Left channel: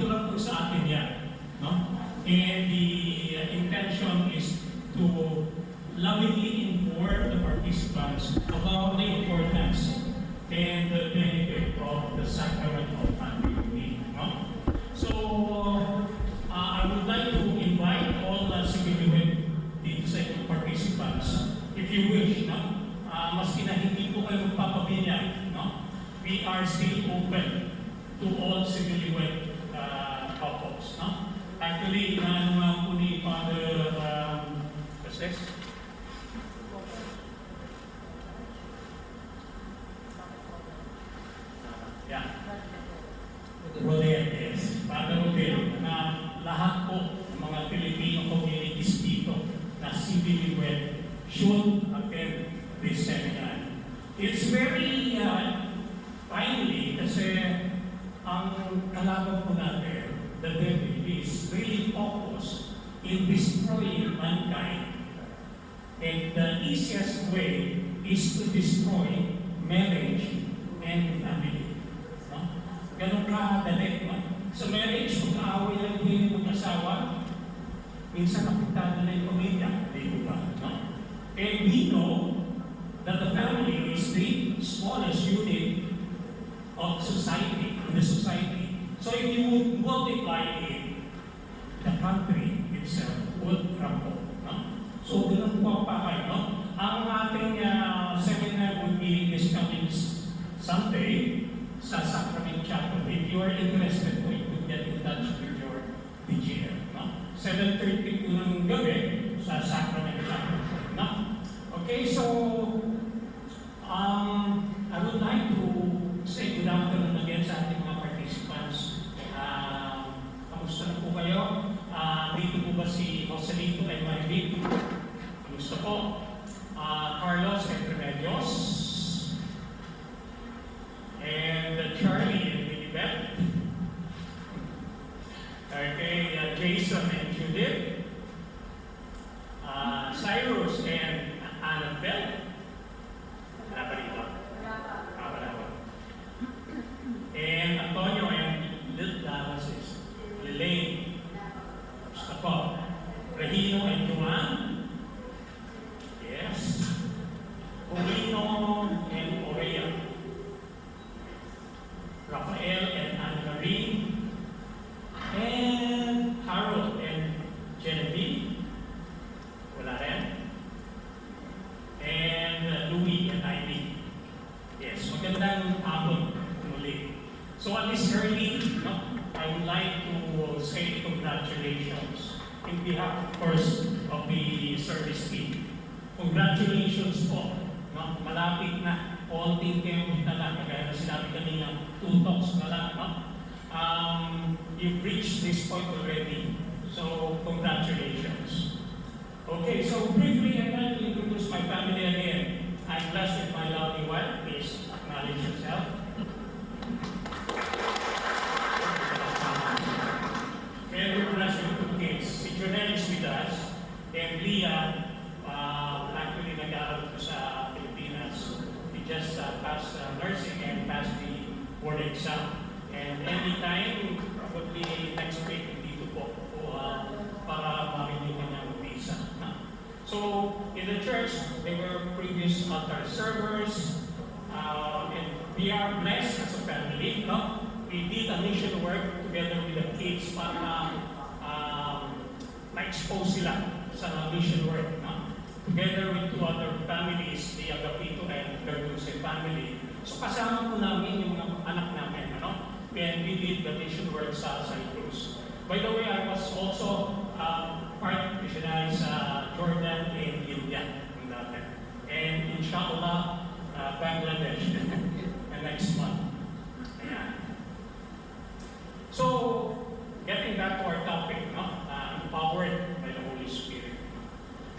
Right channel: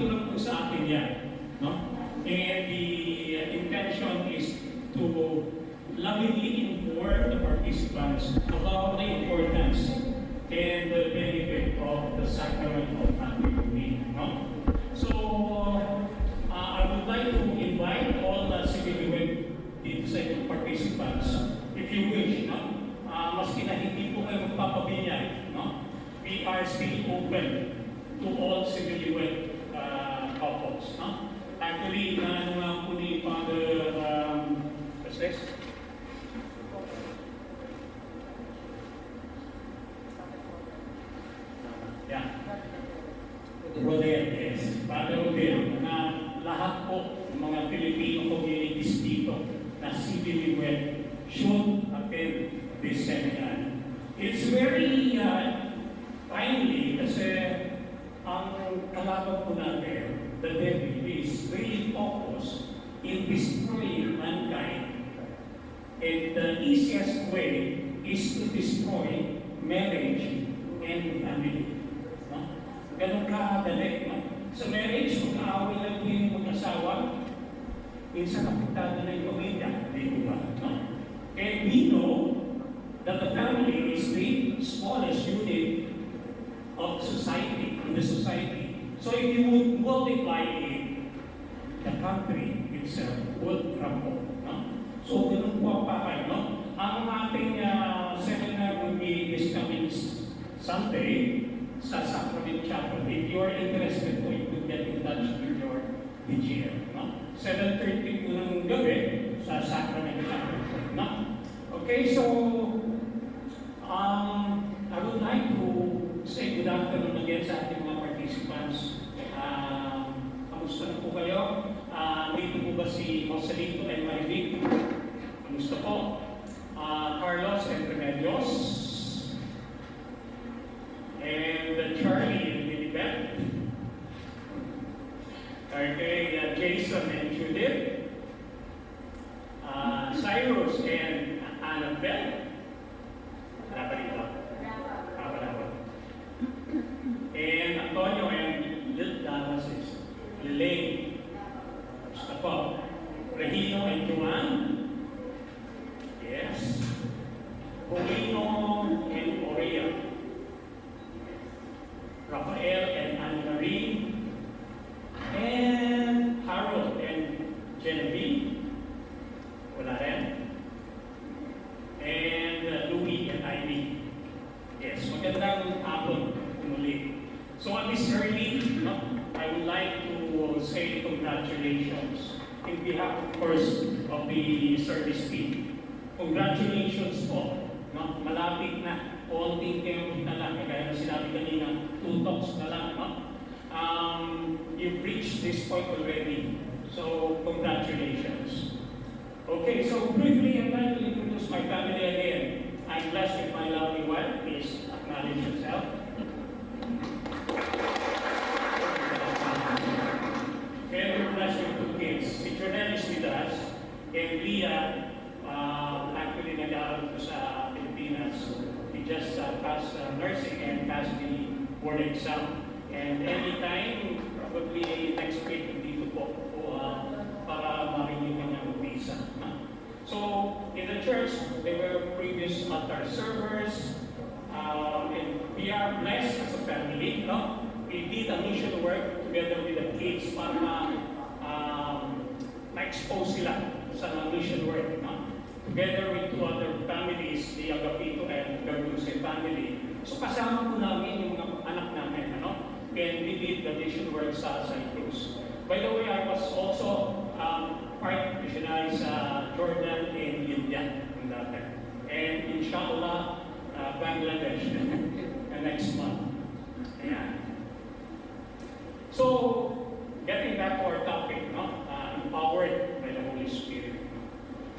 dito lang po sa atin yan. No? And the intention is to lovingly inform the participants about the importance and the benefit of the sacrament of matrimony. No? So, I would like to invite all the civil dito sa inyong participants, if you wish, no? Maski na hindi po kayo magpapabinyag, no? We are still open to all civil couples, no? Actually, ano nga po ni Father Joses? Yeah. Rodel, yes. Father Rodel, na lahat po ng mga Filipino communities dito na civilly wed should attend this seminar. It's very timely kasi ang kalaban po natin, the devil, is really focused in destroying mankind. And the easiest way is to destroy marriage and family. No? Ganun kadali. No? Sa marriage, mag-aaway lang din yung mag-asawa, minsan napuntada na yung pamilya, di ba? No? And we know that the family is the smallest unit of society, in the society. So if you would multiply it, the country itself would crumble. No? So ganun po ang pakay. No? Ang ating seminar will be this coming Sunday sa Sacrament Chapel. If you are interested po, you could get in touch with your DGM. No? 7:30 po ng gabi sa Sacrament Chapel. No? Okay, so I would like to say good afternoon again sa ating mga participants. Kamusta na po kayo? Dito po ba si Joselito and Marivic? Kamusta po? Carlos and Remedios? And Charlie and Lilibet? Okay, Jason and Judith? Cyrus and Annabelle? Wala pa rito? Wala pa. And Antonio and Lelaine. Gusto po. Regino and Juan. Yes. Paulino and Orea. Rafael and Anne-Marie. And Harold and Genevieve. Wala rin. And Louie and Ivy. Yes, magandang hapon muli. So at this early, no, I would like to say congratulations in behalf, of course, of the service team. Congratulations po. No? Malapit na. Konting kayo na lang. Kaya na sinabi kanina, 2 talks na lang. No? You've reached this point already. So, congratulations. Okay, so briefly, I'd like to introduce my family again. I'm blessed with my lovely wife. Please acknowledge yourself. And we're blessed with 2 kids. Si Jonel is with us, and Leah, actually nag-aaral ko sa Pilipinas. He just passed nursing and passed the board exam. And anytime, probably next week, dito po para marinig niya ang visa. So, in the church, they were previous altar servers, and we are blessed as a family. No? We did a mission work together with the kids para ma-expose sila sa mission work. No? Together with 2 other families, the Agapito and Garduce family. So, kasama po namin yung mga anak namin. Ano? And we did the mission work sa Cyprus. By the way, I was also part missionary sa Jordan and India. And inshallah, Bangladesh next month. Ayan. So, getting back to our topic, no? Empowered by the Holy Spirit.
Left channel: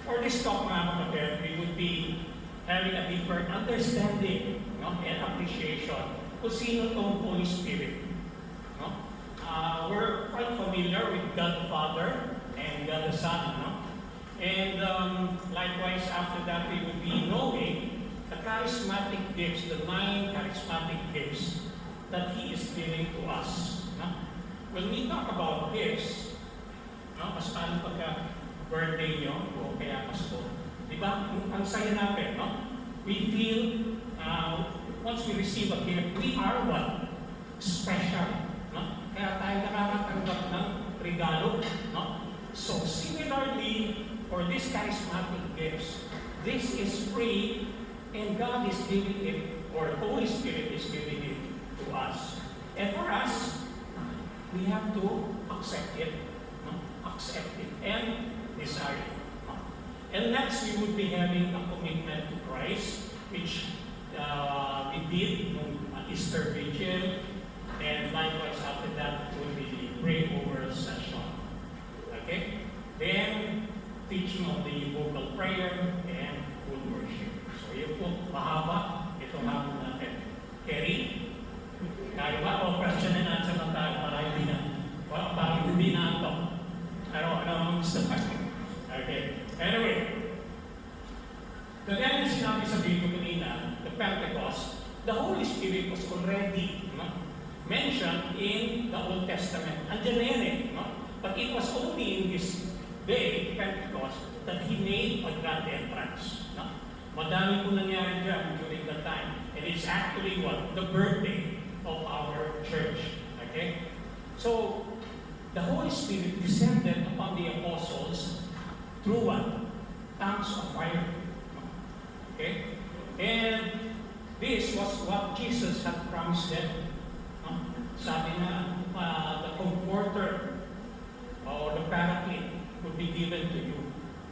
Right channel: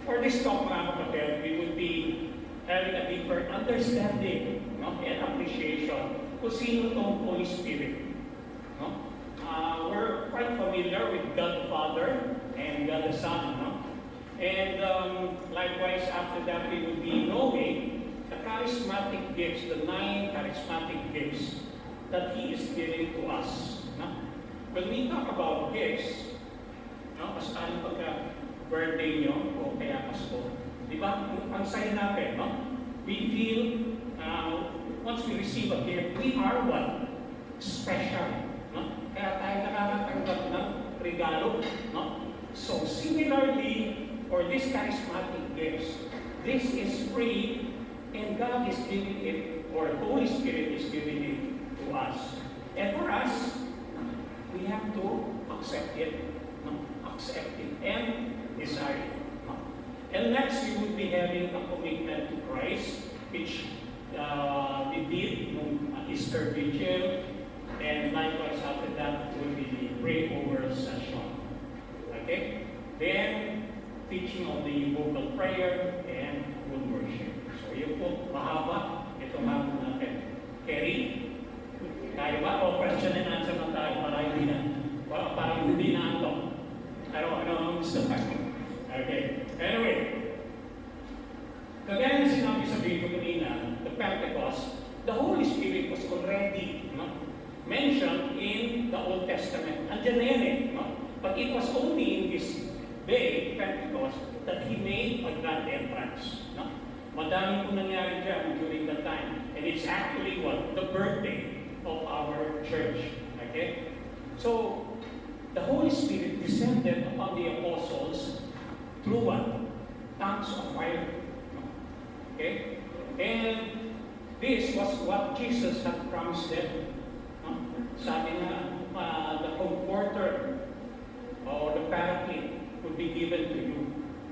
For this talk, mga kapatid, we would be having a deeper understanding, no? And appreciation kung sino itong Holy Spirit. No? We're quite familiar with God the Father and God the Son. No? And likewise, after that, we will be knowing the charismatic gifts, the 9 charismatic gifts that He is giving to us. No? When we talk birthday nyo o kaya Pasko. Di ba? Ang saya natin, no? We feel, once we receive a gift, we are what? Special. No? Kaya tayo nakakatanggap ng regalo. No? So, similarly, for these charismatic gifts, this is free and God is giving it, or the Holy Spirit is giving it to us. And for us, we have to accept it. No? Accept it and desire it. No? And next, we would be having a commitment to Christ, which we did on Easter Vigil, and likewise after that will be the breakover session. Okay? Then, teaching of the vocal prayer and full worship. So yun po, mahaba itong hapon natin. Kerry, kaya ba? O question and answer lang tayo para hindi na ito. Ano ang gusto ka? Okay. Anyway, kagaya na sinabi sa video kanina, the Pentecost, the Holy Spirit was already mentioned in the Old Testament. Andiyan na yan But it was only in this day, Pentecost, that He made a grand entrance. Madami po nangyari dyan during that time. And it's actually what? The birthday of our church. Okay? So, the Holy Spirit descended upon the apostles through what? Tongues of fire. Okay? And this was what Jesus had promised them. Sabi na, the Comforter or the Paraclete would be given to you.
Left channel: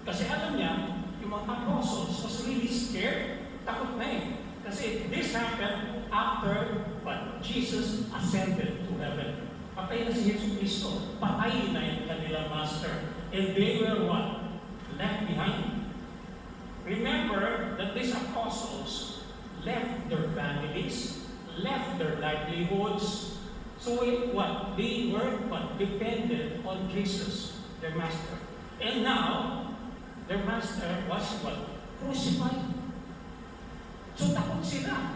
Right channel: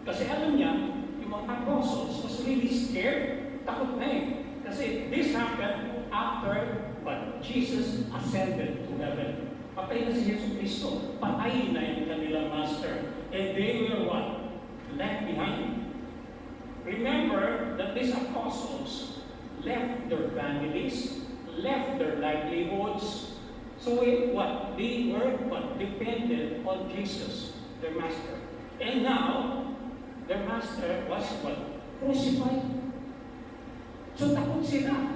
Kasi alam niya, yung mga apostles was really scared. Takot na Kasi this happened after what? Jesus ascended to heaven. Patay na si Yesu Cristo. Patay na yung kanilang master. And they were what? Left behind. Remember that these apostles left their families, left their livelihoods. So what? They were what? Dependent on Jesus, their master. And now, their master was what? Crucified. So takot sila.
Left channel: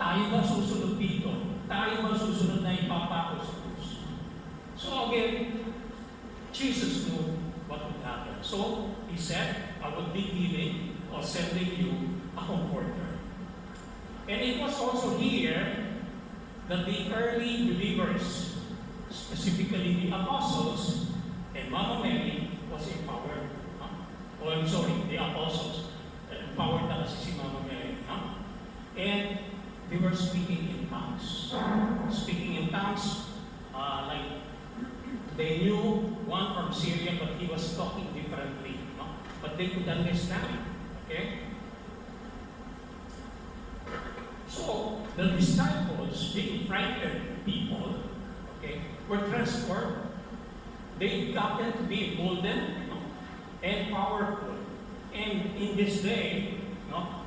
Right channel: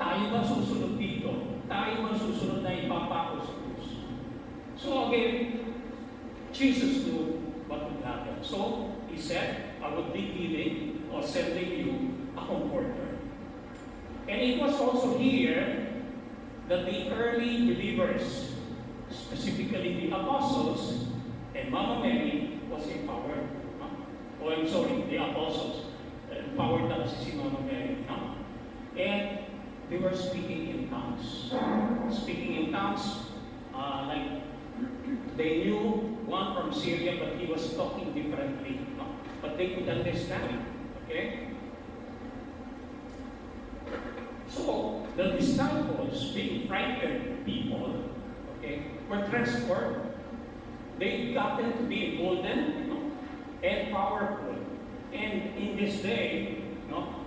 Tayo ba susunod dito? Tayo ba susunod na ipapako sa krus? So again, Jesus knew what would happen. So He said, I would be giving or sending you a comforter. And it was also here that the early believers, specifically the apostles and Mama Mary, was empowered. The apostles empowered na kasi si Mama Mary. And they were speaking in tongues. Speaking in tongues, like they knew one from Syria, but he was talking differently. But they could understand. Okay? So, the disciples, being frightened people, were transformed. They gotten to be golden and powerful. And in this day,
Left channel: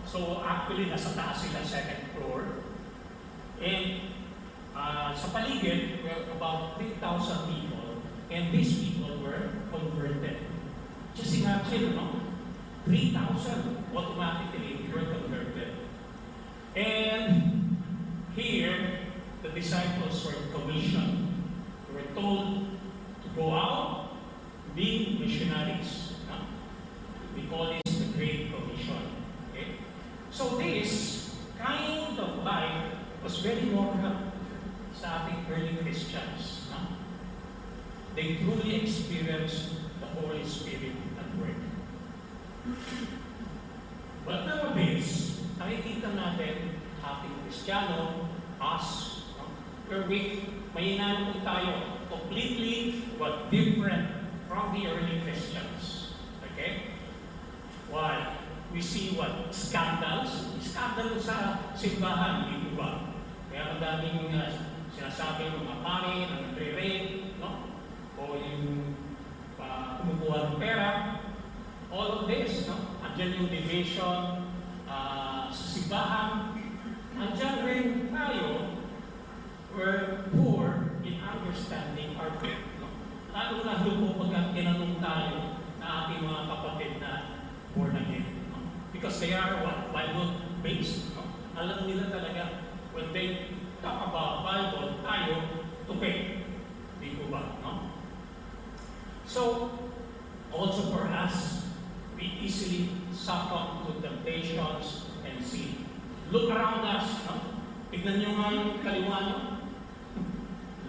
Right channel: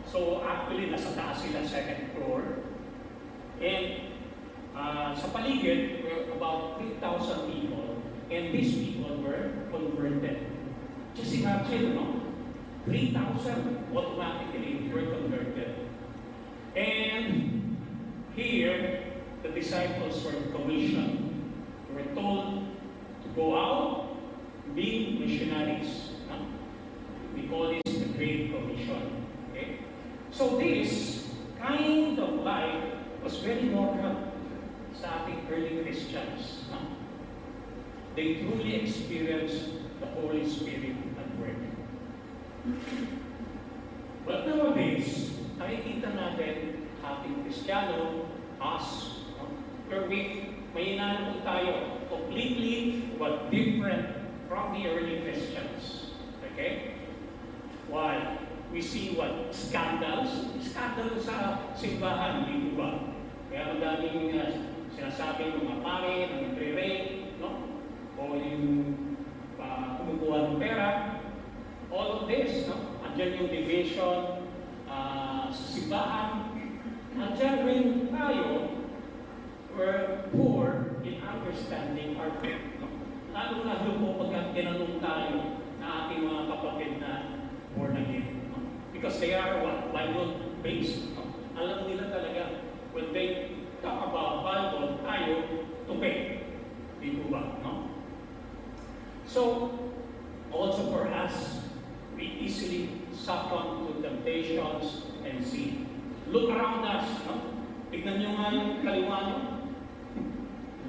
so actually nasa taas sila, second floor. And sa paligid, were about 3,000 people. And these people were converted. Just imagine, 3,000 automatically were converted. And here, the disciples were commissioned. They were told to go out, be missionaries. We call this the Great Commission. Okay? So this kind of life was very normal sa ating early Christians. They truly experienced the Holy Spirit at work. But nowadays, nakikita natin ating Kristiyano, us, where may inano tayo completely but different from the early Christians. Okay? Why? We see what? Scandals. Scandal sa simbahan, hindi ba? Kaya madaming sinasabi mga pare na nagre-rape, o yung kumukuha ng pera. All of this, andyan yung division sa simbahan. Andyan rin tayo, we're poor in understanding our faith. Lalo po pagka tinanong tayo na ating mga kapatid na born again. Because they are what? Bible-based. Alam nila talaga, when they talk about Bible, tayo to faith. Di po ba? So, also for us, us, we easily succumb to temptations and sin. Look around us, no? Tignan niyo nga yung kaliwa niyo.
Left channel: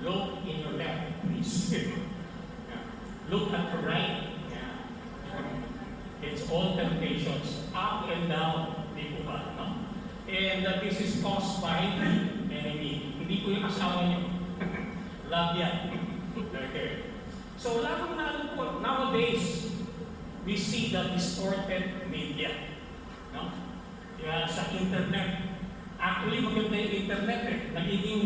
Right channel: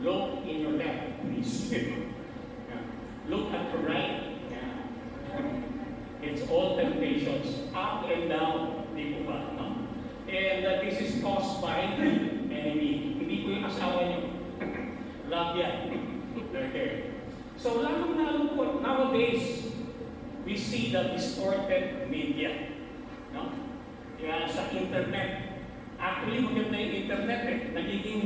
Look in your left, please. Yeah. Look at the right. Yeah. It's all temptations, up and down, di po ba, no? And this is caused by the enemy. Hindi po yung asawa niyo. Love yan. Okay. So, lalong-lalo po, nowadays, we see the distorted media. No? Yan, sa internet. Actually, maganda yung internet eh. Nagiging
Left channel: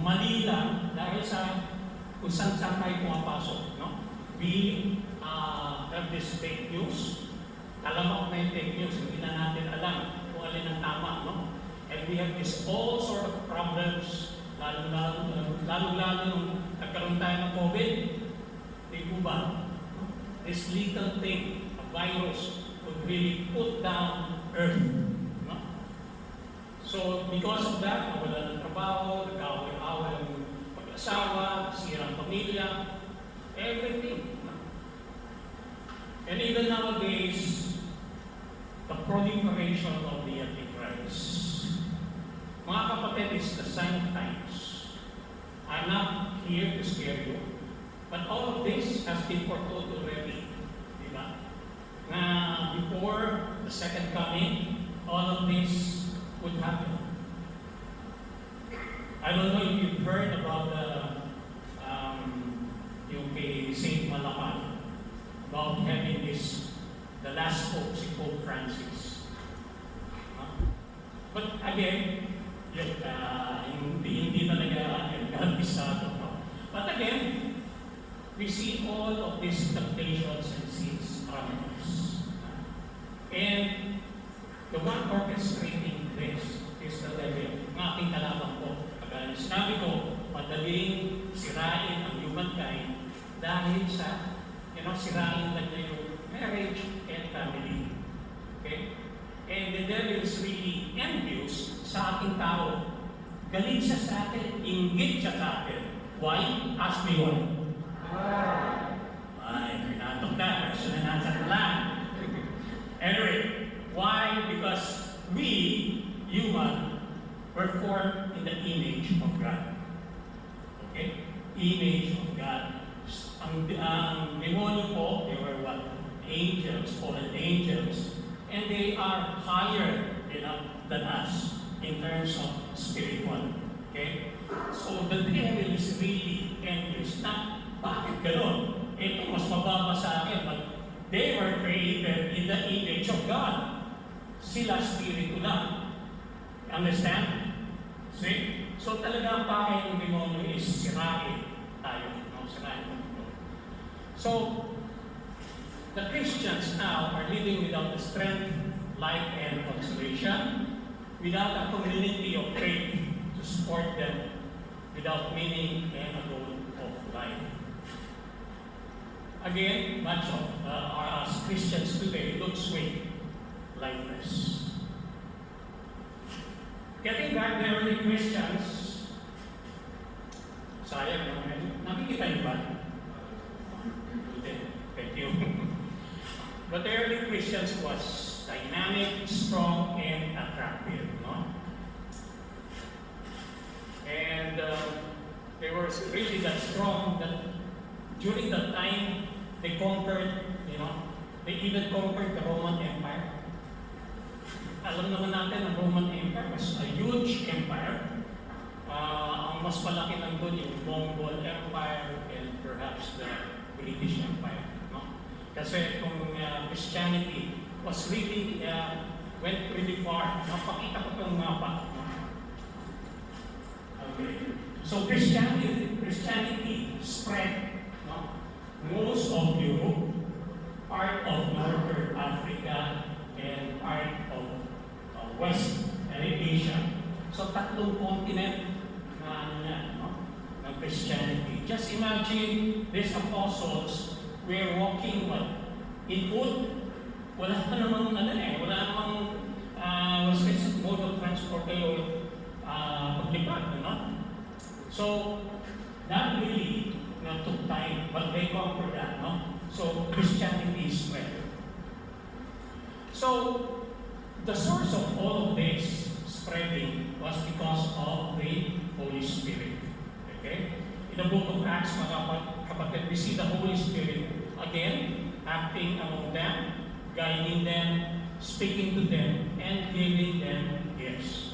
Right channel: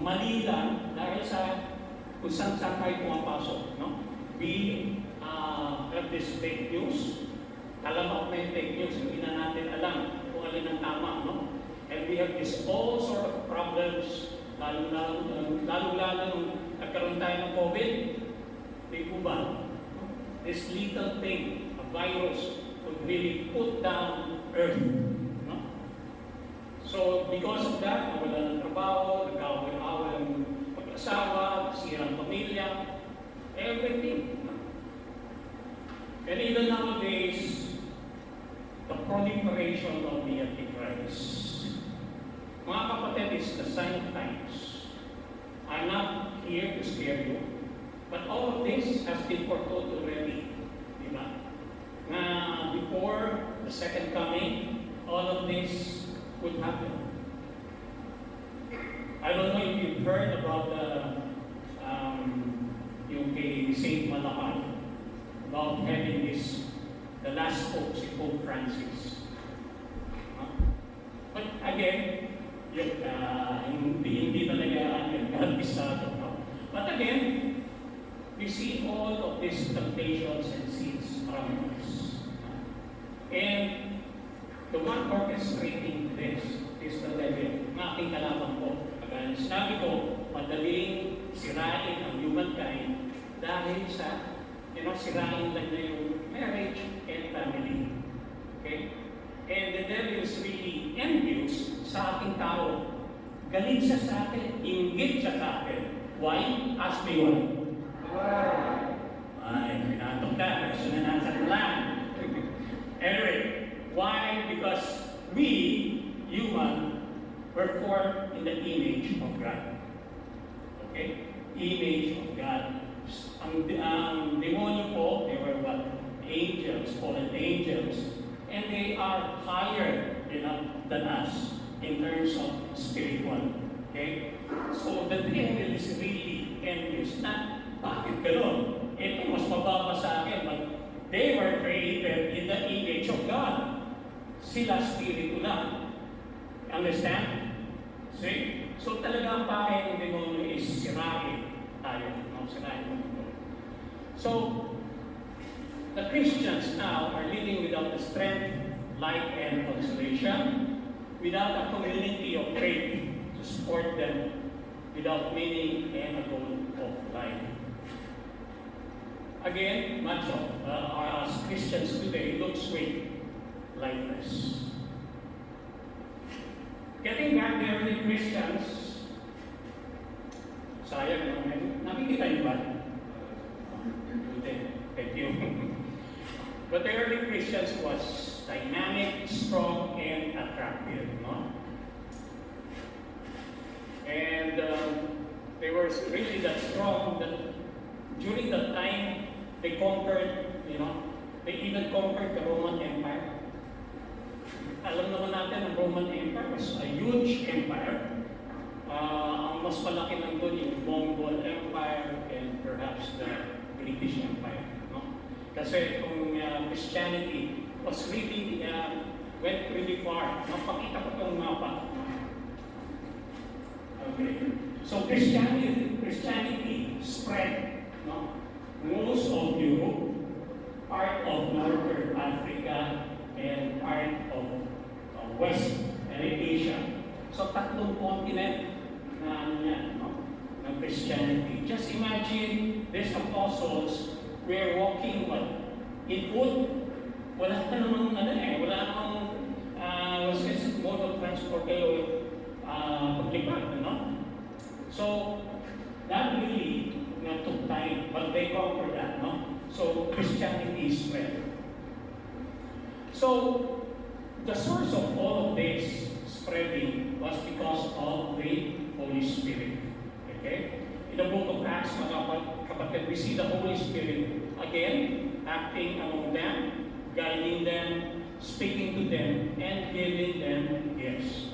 mali lang dahil sa kung saan tayo pumapasok. No? We have this fake news. Alam ako na yung fake news. Hindi na natin alam kung alin ang tama. No? And we have this all sort of problems. Lalo-lalo nung nagkaroon tayo ng COVID. Di po ba? This little thing, a virus, would really put down Earth. No? So, because of that, nawala ng trabaho, nagkawal-awal ng pag-asawa, sirang pamilya, everything. No? And even nowadays, the proliferation of the Antichrist. Mga kapatid, is the sign of times. I'm not here to scare you, but all of this has been foretold already. Diba? Na before the second coming, all of this would happen. I don't know if you've heard about yung kay Saint Malakal, about having this, the last Pope, si Pope Francis. But again, hindi talaga kabisado. No? But again, we see all of these temptations and sins around us. And the one orchestrating this is the devil. Ng ating kalaban po. Kagaya sinabi ko, madaling sirain ang humankind dahil sa, sirain lang niya yung marriage and family. Okay? And the devil is really envious sa ating tao. Galit siya sa atin, inggit siya sa atin. Why? Ask me why. Ay, pinatok na. Question and answer lang. Anyway, why? Because we, human, were formed in the image of God. Okay? Image of God. Ang demonyo po, they were what? Angels, fallen angels. And they are higher than us in terms of spiritual. Okay? So the devil is really envious. Na, bakit gano'n? Ito mas mababa sa akin. But they were created in the image of God. Sila spirito lang. Understand? See? So talaga ang pakay ng demonyo is sirain tayo. No? Sirain mo. So, the Christians now are living without the strength, light, and consolation, without a community of faith to support them, without meaning and a goal of life. Again, much of us Christians today looks weak, lifeless. Getting back to early Christians, sayang naman, nakikita niyo ba? Thank you. But the early Christians was dynamic, strong, and attractive, no? And they were really that strong that during that time they conquered, they even conquered the Roman Empire. Alam naman natin, ang Roman Empire was a huge empire. Ang mas malaki lang doon yung Mongol Empire and perhaps the British Empire. Kasi kung Christianity was really, went really far. Napakita ko itong mapa. Okay. So Christianity spread. Most of Europe, part of Northern Africa, and part of West Asia. So tatlong continent na ng Christianity. Just imagine these apostles we're walking in food. Wala pa namang wala namang mode of transport kayo paglipad, So that really took time, but they conquered that, So Christianity is spread. So the source of all of this spreading was because of the Holy Spirit. Okay? In the book of Acts, mga kapatid, we see the Holy Spirit again acting among them, guiding them, speaking to them, and giving them gifts.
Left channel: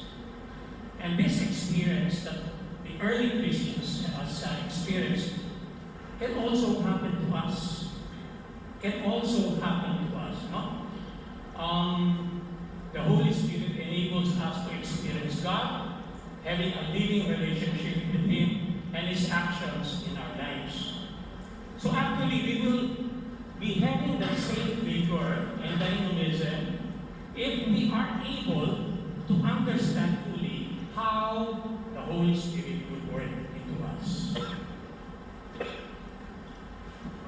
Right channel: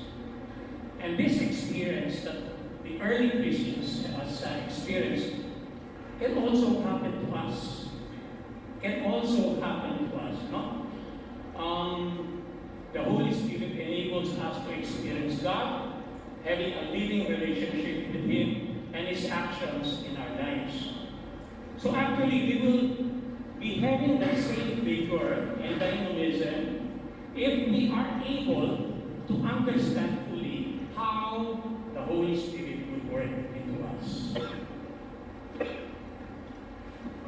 And this experience that the early Christians has experienced can also happen to us. Can also happen to us, no? The Holy Spirit enables us to experience God, having a living relationship with Him and His actions in our lives. So actually, we will be having the same vigor and dynamism if we are able to understand fully how the Holy Spirit will work into us.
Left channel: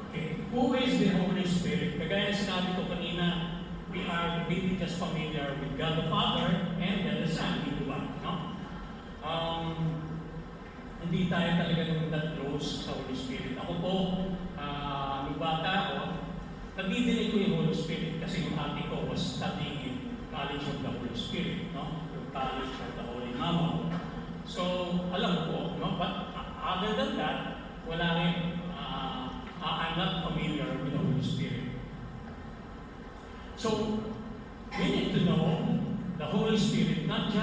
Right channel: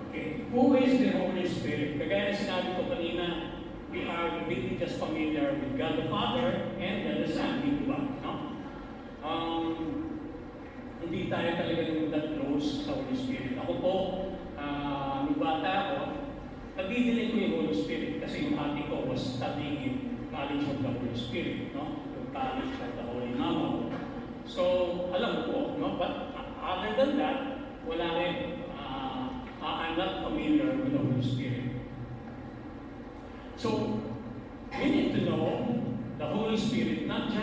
Okay, who is the Holy Spirit? Kagaya na sinabi ko kanina, we are really just familiar with God the Father and the Son, di ba? No? Hindi tayo talaga nung that close sa Holy Spirit. Ako po, nung bata ako, nagdidinig ko yung Holy Spirit kasi yung ate ko was studying in College of the Holy Spirit, no? Yung College of the Holy Mama. So, alam ko, no? But other than that, wala rin. I'm not familiar with the Holy Spirit. So, we need to know the Holy Spirit, not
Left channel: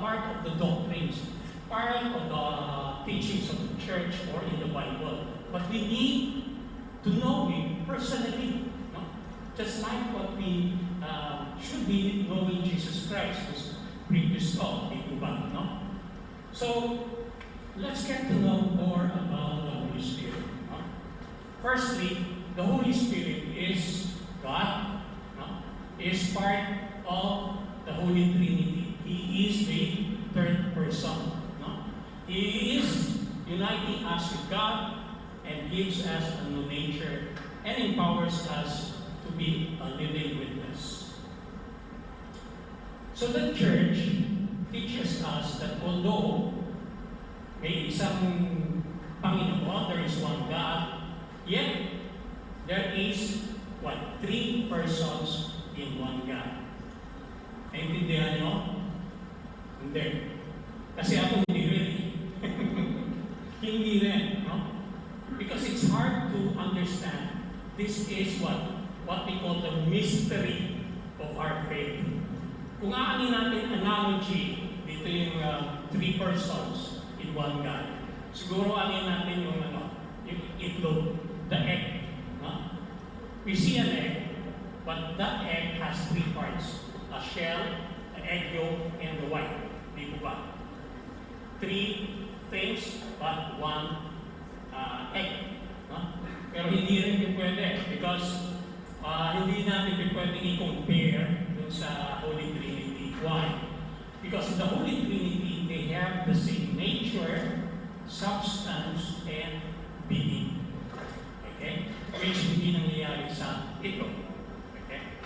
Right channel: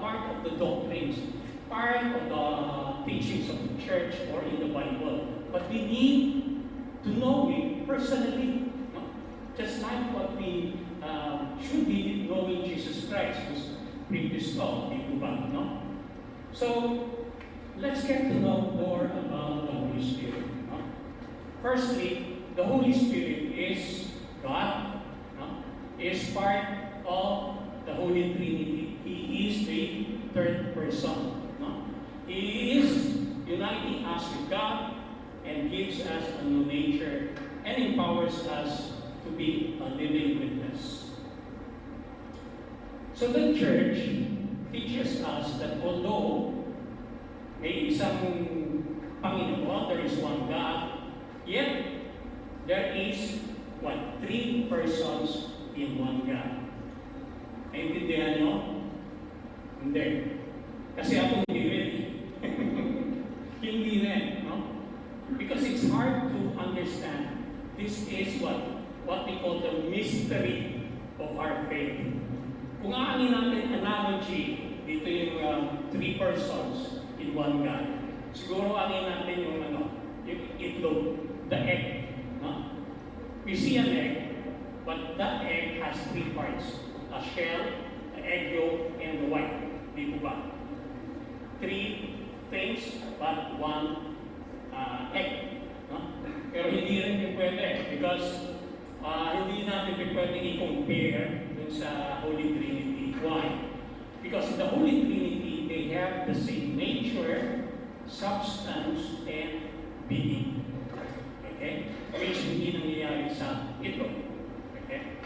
part of the doctrines, part of the teachings of the church or in the Bible, but we need to know Him personally. No? Just like what we should be knowing Jesus Christ, who's previous taught, no? So, let's get to know more about the Holy Spirit. No? Firstly, the Holy Spirit is God, no? Is part of the Holy Trinity. He is the third person. No? He is uniting us with God and gives us a new nature and empowers us to be a living witness. So the church teaches us that although may isang Panginoon, there is one God, yet there is three persons in one God. Naintindihan nyo? Hindi. Kasi ako hindi rin. Hindi rin, no? Because it's hard to understand. This is what we call the mystery of our faith. Kung aanin natin analogy, dito yung three persons in one God. Siguro aanin natin yung itlog, the egg. No? We see an egg, but that egg has three parts. A shell, an egg yolk, and the white. Di po ba? Three things, but one egg. No? Pero hindi rin yung pwede because hindi natin pwede i-compare dun sa Holy Trinity. Why? Because in the Holy Trinity, they have the same nature, substance, and being. Okay? Which hindi nangyayari sa ito. Okay?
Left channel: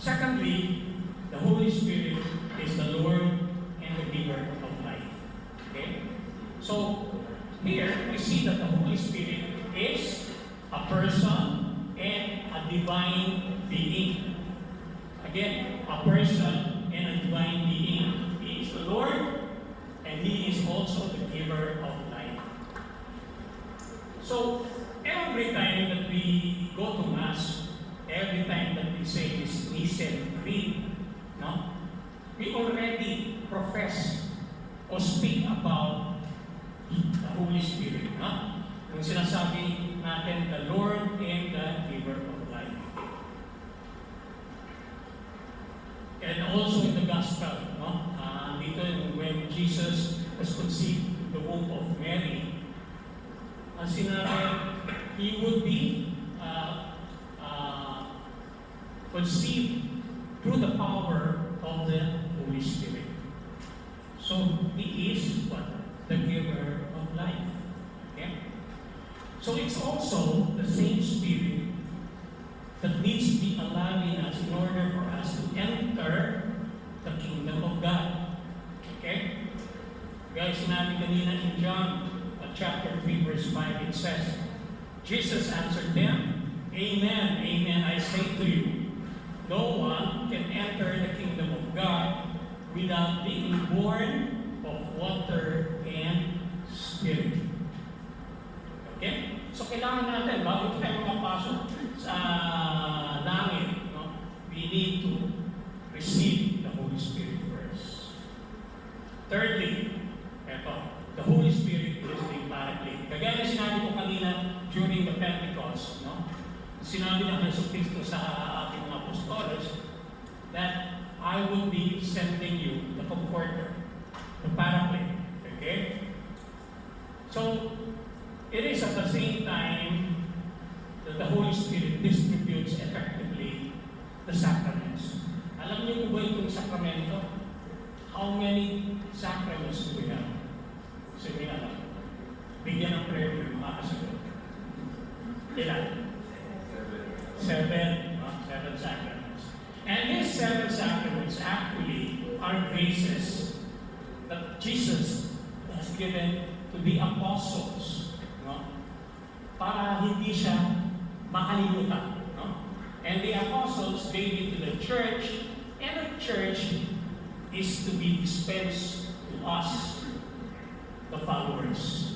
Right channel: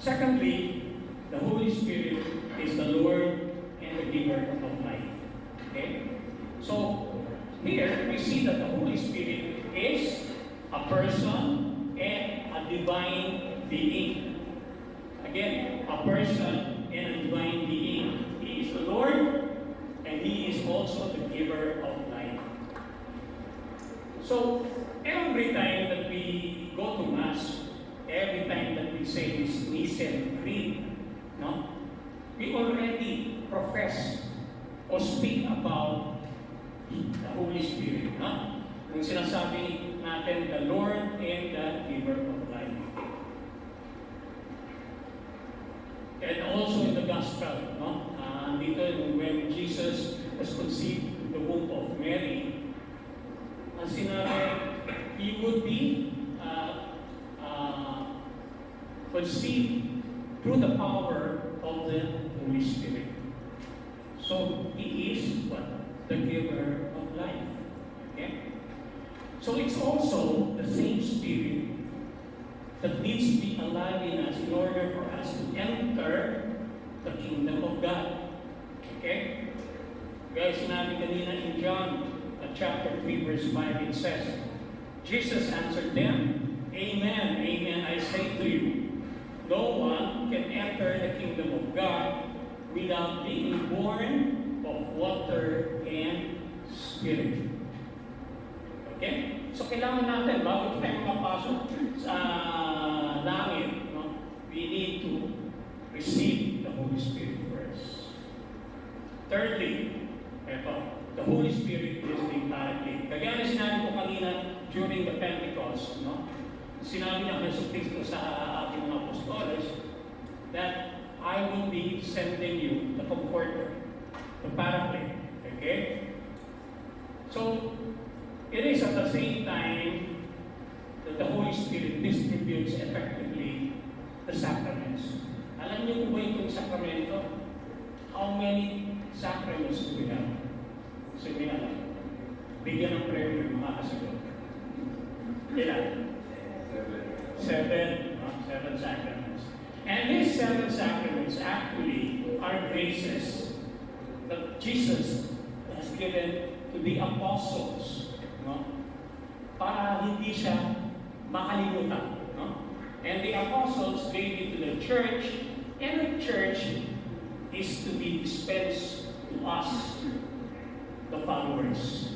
Secondly, the Holy Spirit is the Lord and the giver of life. Okay? So, here we see that the Holy Spirit is a person and a divine being. Again, a person and a divine being. He is the Lord and He is also the giver of life. So, every time that we go to Mass, every time that we say this Nicene Creed, no, we already profess or speak about the Holy Spirit. No? Yung sinasabi natin, the Lord and the giver of life. And also in the Gospel, no? Dito when Jesus was conceived in the womb of Mary, ang sinabi, He would be conceived through the power of the Holy Spirit. So, He is the giver of life. Okay? So, it's also the same Spirit that needs to be alive in us in order for us to enter the kingdom of God. Okay? Guys, sinabi kanina in John chapter 3, verse 5, it says, Jesus answered them, Amen, amen, I say to you, no one can enter the kingdom of God without being born of water and Spirit. Okay? So kailangan natin, bago tayo makapasok sa langit, no, we need to receive the Holy Spirit first. Thirdly, the Holy Spirit is the Paraclete. Kagaya na sinabi ko kanina during the Pentecost, no? Sinabi ng Jesus Cristo sa ating mga apostoles that I will be sending you the Comforter, the Paraclete. Okay? So, it is at the same time that the Holy Spirit distributes effectively the sacraments. Alam niyo po ba itong sakramento? How many sacraments do we have? Sige alam. Bigyan ng prayer yung mga kasagot. Ilan? Seven sacraments. And these 7 sacraments actually are graces that Jesus has given to the apostles, no? Para hindi siya makalimutan, no? And the apostles gave it to the church, and the church is to be dispensed to us, the followers.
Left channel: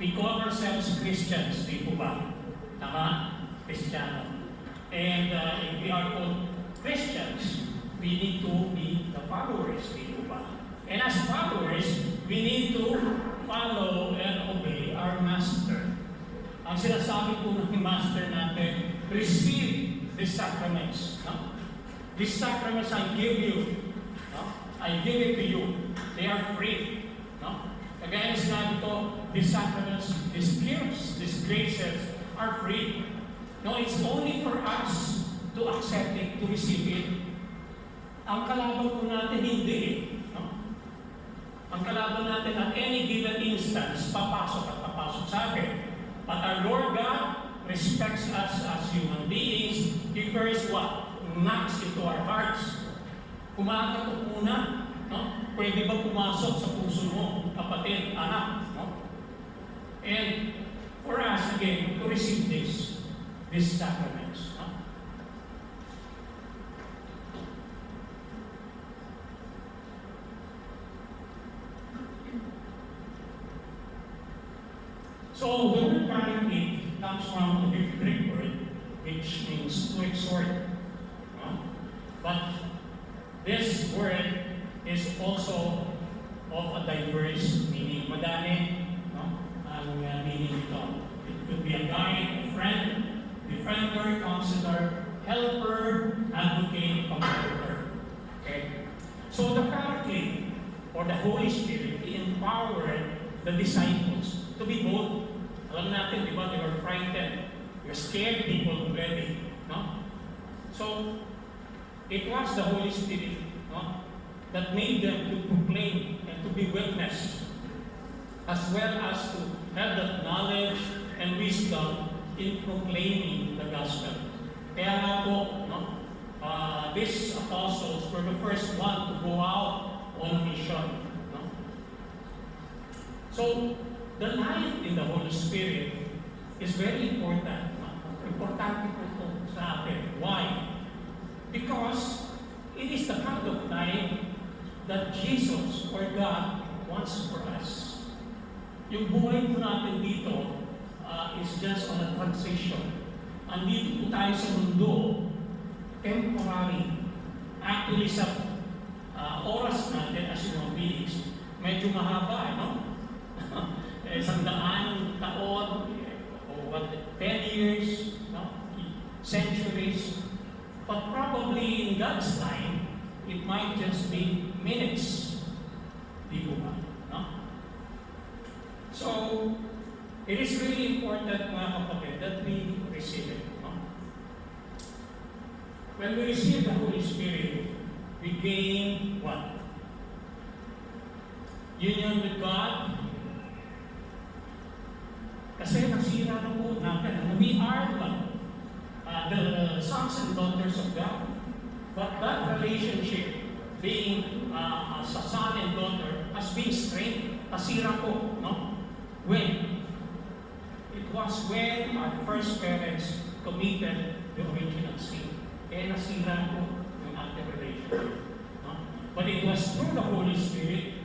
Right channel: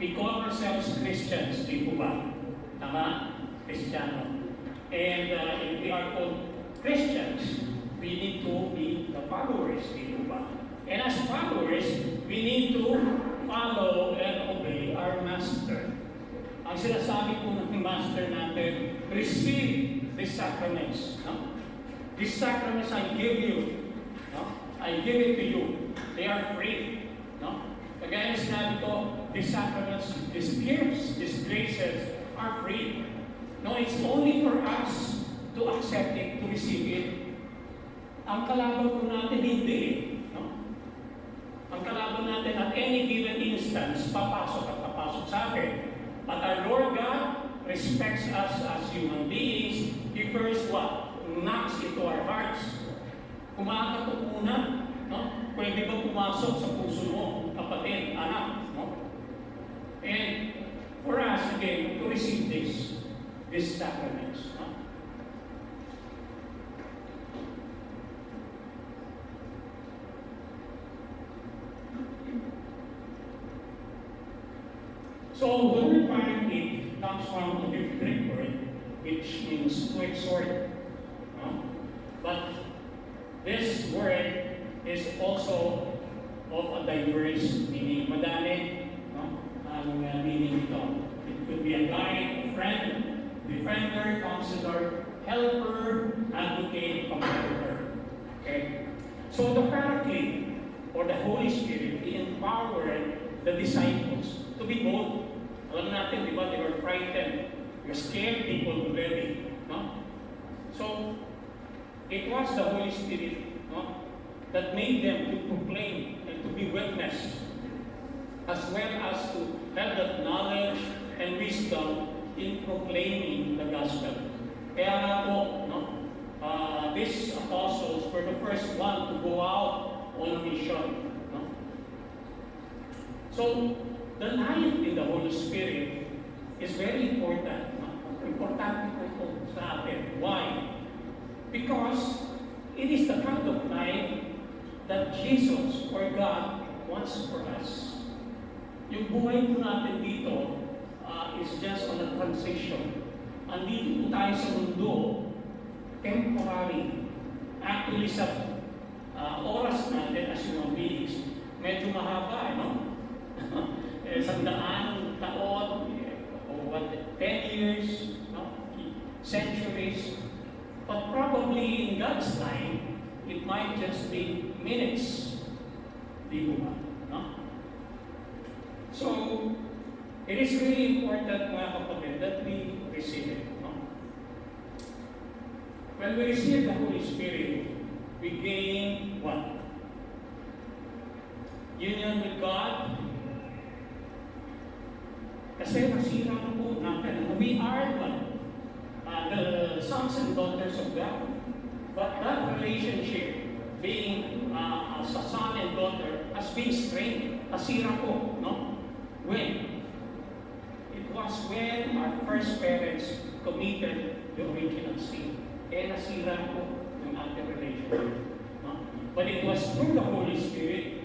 We call ourselves Christians, di po ba? Tama? Kristiyano. And if we are called Christians, we need to be the followers, di po ba? And as followers, we need to follow and obey our Master. Ang sinasabi po ng Master natin, receive these sacraments. No? These sacraments I give you. No? I give it to you. They are free. No? Kagaya na sinabi ko, these sacraments, these gifts, these graces are free. No, it's only for us to accept it, to receive it. Ang kalaban po natin, hindi eh. No? Ang kalaban natin at any given instance, papasok at papasok sa atin. But our Lord God respects us as human beings. He first what? Knocks into our hearts. Kumakatok muna. No? Pwede ba pumasok sa puso mo, kapatid, anak? No? And for us, again, to receive these sacraments. No? So, the word Paraclete comes from the Greek word, which means to exhort. No? But this word is also of a diverse meaning. Madami, no? Ang meaning ito. It could be a guide, a friend, defender, counselor, helper, advocate, comforter. Okay? So the Paraclete, or the Holy Spirit, empowered the disciples to be bold. Alam natin, di ba, they were frightened. They were scared people already. No? So, it was the Holy Spirit, no, that made them to proclaim and to be witness, as well as to have that knowledge and wisdom in proclaiming the gospel. Kaya nga po, no, these apostles were the first one to go out on a mission. No? So, the life in the Holy Spirit is very important. No? Importante po ito sa atin. Why? Because it is the kind of life that Jesus or God wants for us. Yung buhay po natin dito is just on a transition. Andito po tayo sa mundo, temporary. Actually, sa oras natin as human beings, medyo mahaba, no? 100 taon, o 10 years, no? Centuries. But probably in God's time, it might just be minutes. Di ba? No? So, it is really important, mga kapatid, that we receive it. No? When we receive the Holy Spirit, we gain what? Union with God. Kasi nasira na po natin. We are what? The sons and daughters of God. But that relationship, being as a son and daughter, has been strained. Nasira po, no? When? It was when our first parents committed the original sin. Kaya nasira po yung ating relationship. No? But it was through the Holy Spirit,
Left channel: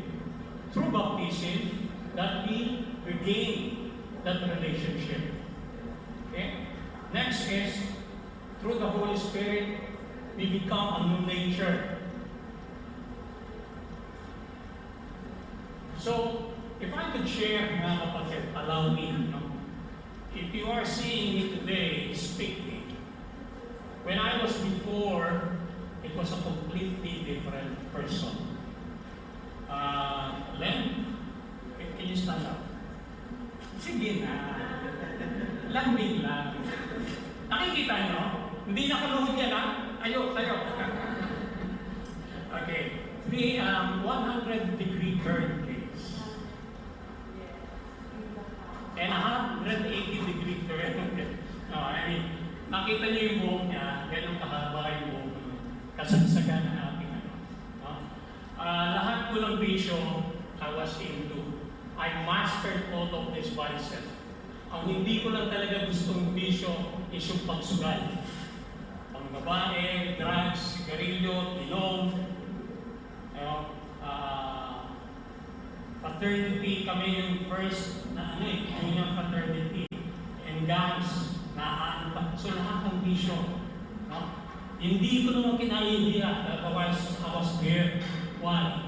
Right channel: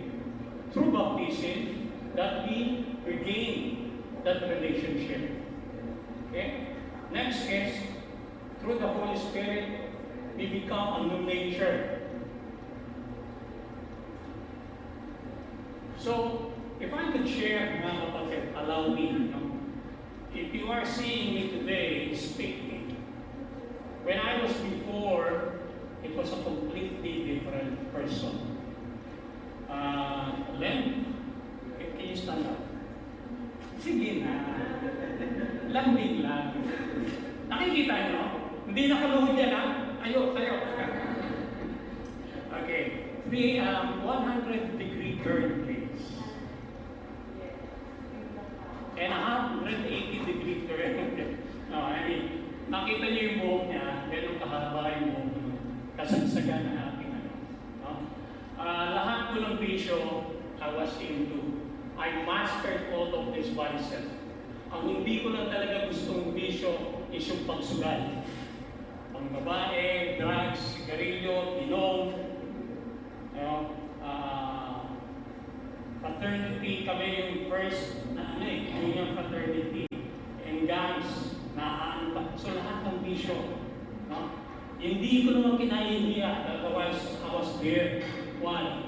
through baptism, that we regain that relationship. Okay? Next is, through the Holy Spirit, we become a new nature. So, if I could share, mga kapatid, allow me, no? If you are seeing me today speaking, when I was before, it was a completely different person. Len, can you stand up? Sige na. Lambing lang. Nakikita nyo? Hindi nakaluhod yan, ha? Ayo, tayo. Okay. 100-degree turn, please. And 180-degree turn. No, I mean, nakita niyo yung buhok niya, ganun kahaba yung buhok niya. Kasagsagan ng ating ano. No? Lahat po ng bisyo I was into. I mastered all of these vices. Ang hindi ko lang talaga gustong bisyo is yung pagsugal. Ang babae, drugs, sigarilyo, inom, fraternity, kami yung first na junior fraternity, and gangs, na so lahat ng bisyo. No? Hindi ko naman kinaihiya, otherwise I was there. Why?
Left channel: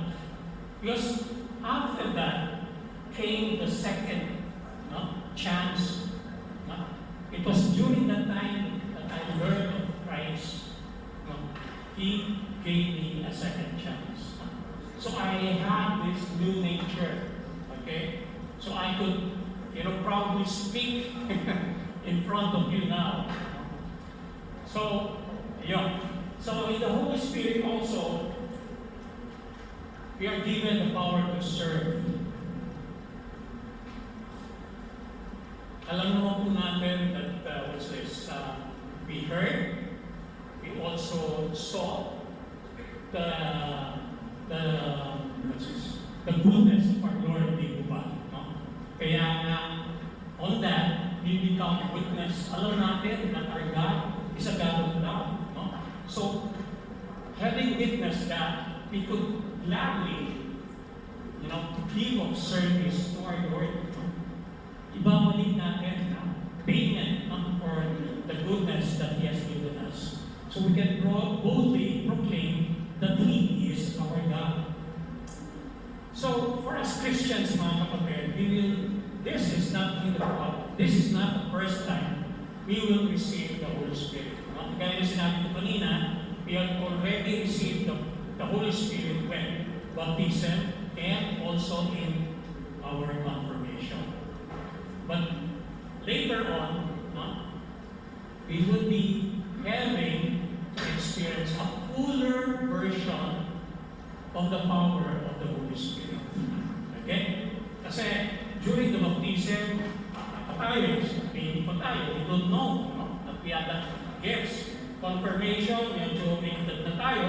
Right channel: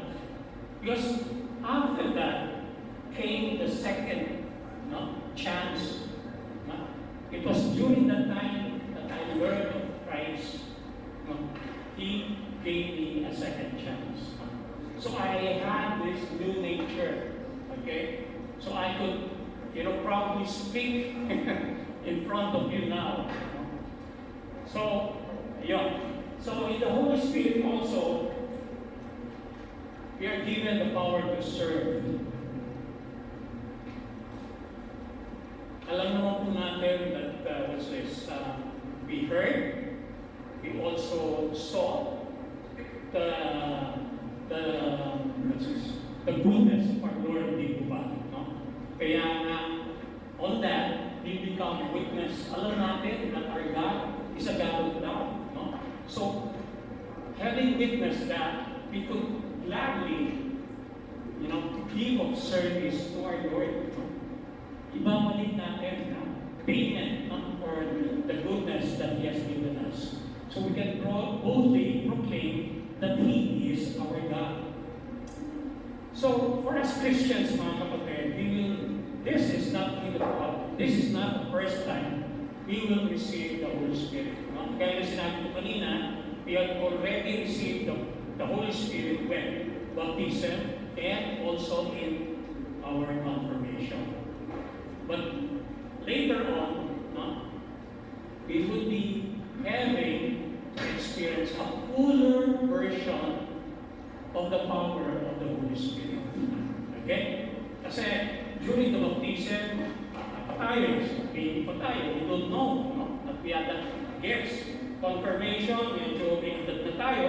Because after that came the second chance. No? It was during that time that I learned of Christ. No? He gave me a second chance. So I had this new nature. Okay? So I could, probably speak in front of you now. So, yeah. So in the Holy Spirit also, we are given the power to serve. Alam naman po natin that what's this? We heard, we also saw the goodness of our Lord, di ba? No? Kaya nga, on that, we become witness. Alam natin that our God is a God of love. No? So, having witnessed that, we could gladly, give of service to our Lord. No? Ibabalik natin payment for the goodness that He has given us. So we can boldly proclaim that He is our God. So for us Christians, mga kapatid, this is not the first time we will receive the Holy Spirit. Kaya na sinabi ko kanina, we have already received the Holy Spirit when baptism and also in our confirmation. But later on, we will be having to experience a fuller version of the power of the Holy Spirit. Okay? Kasi during the baptism, baby pa tayo, we don't know that we had that gifts. Confirmation, medyo may edad na tayo,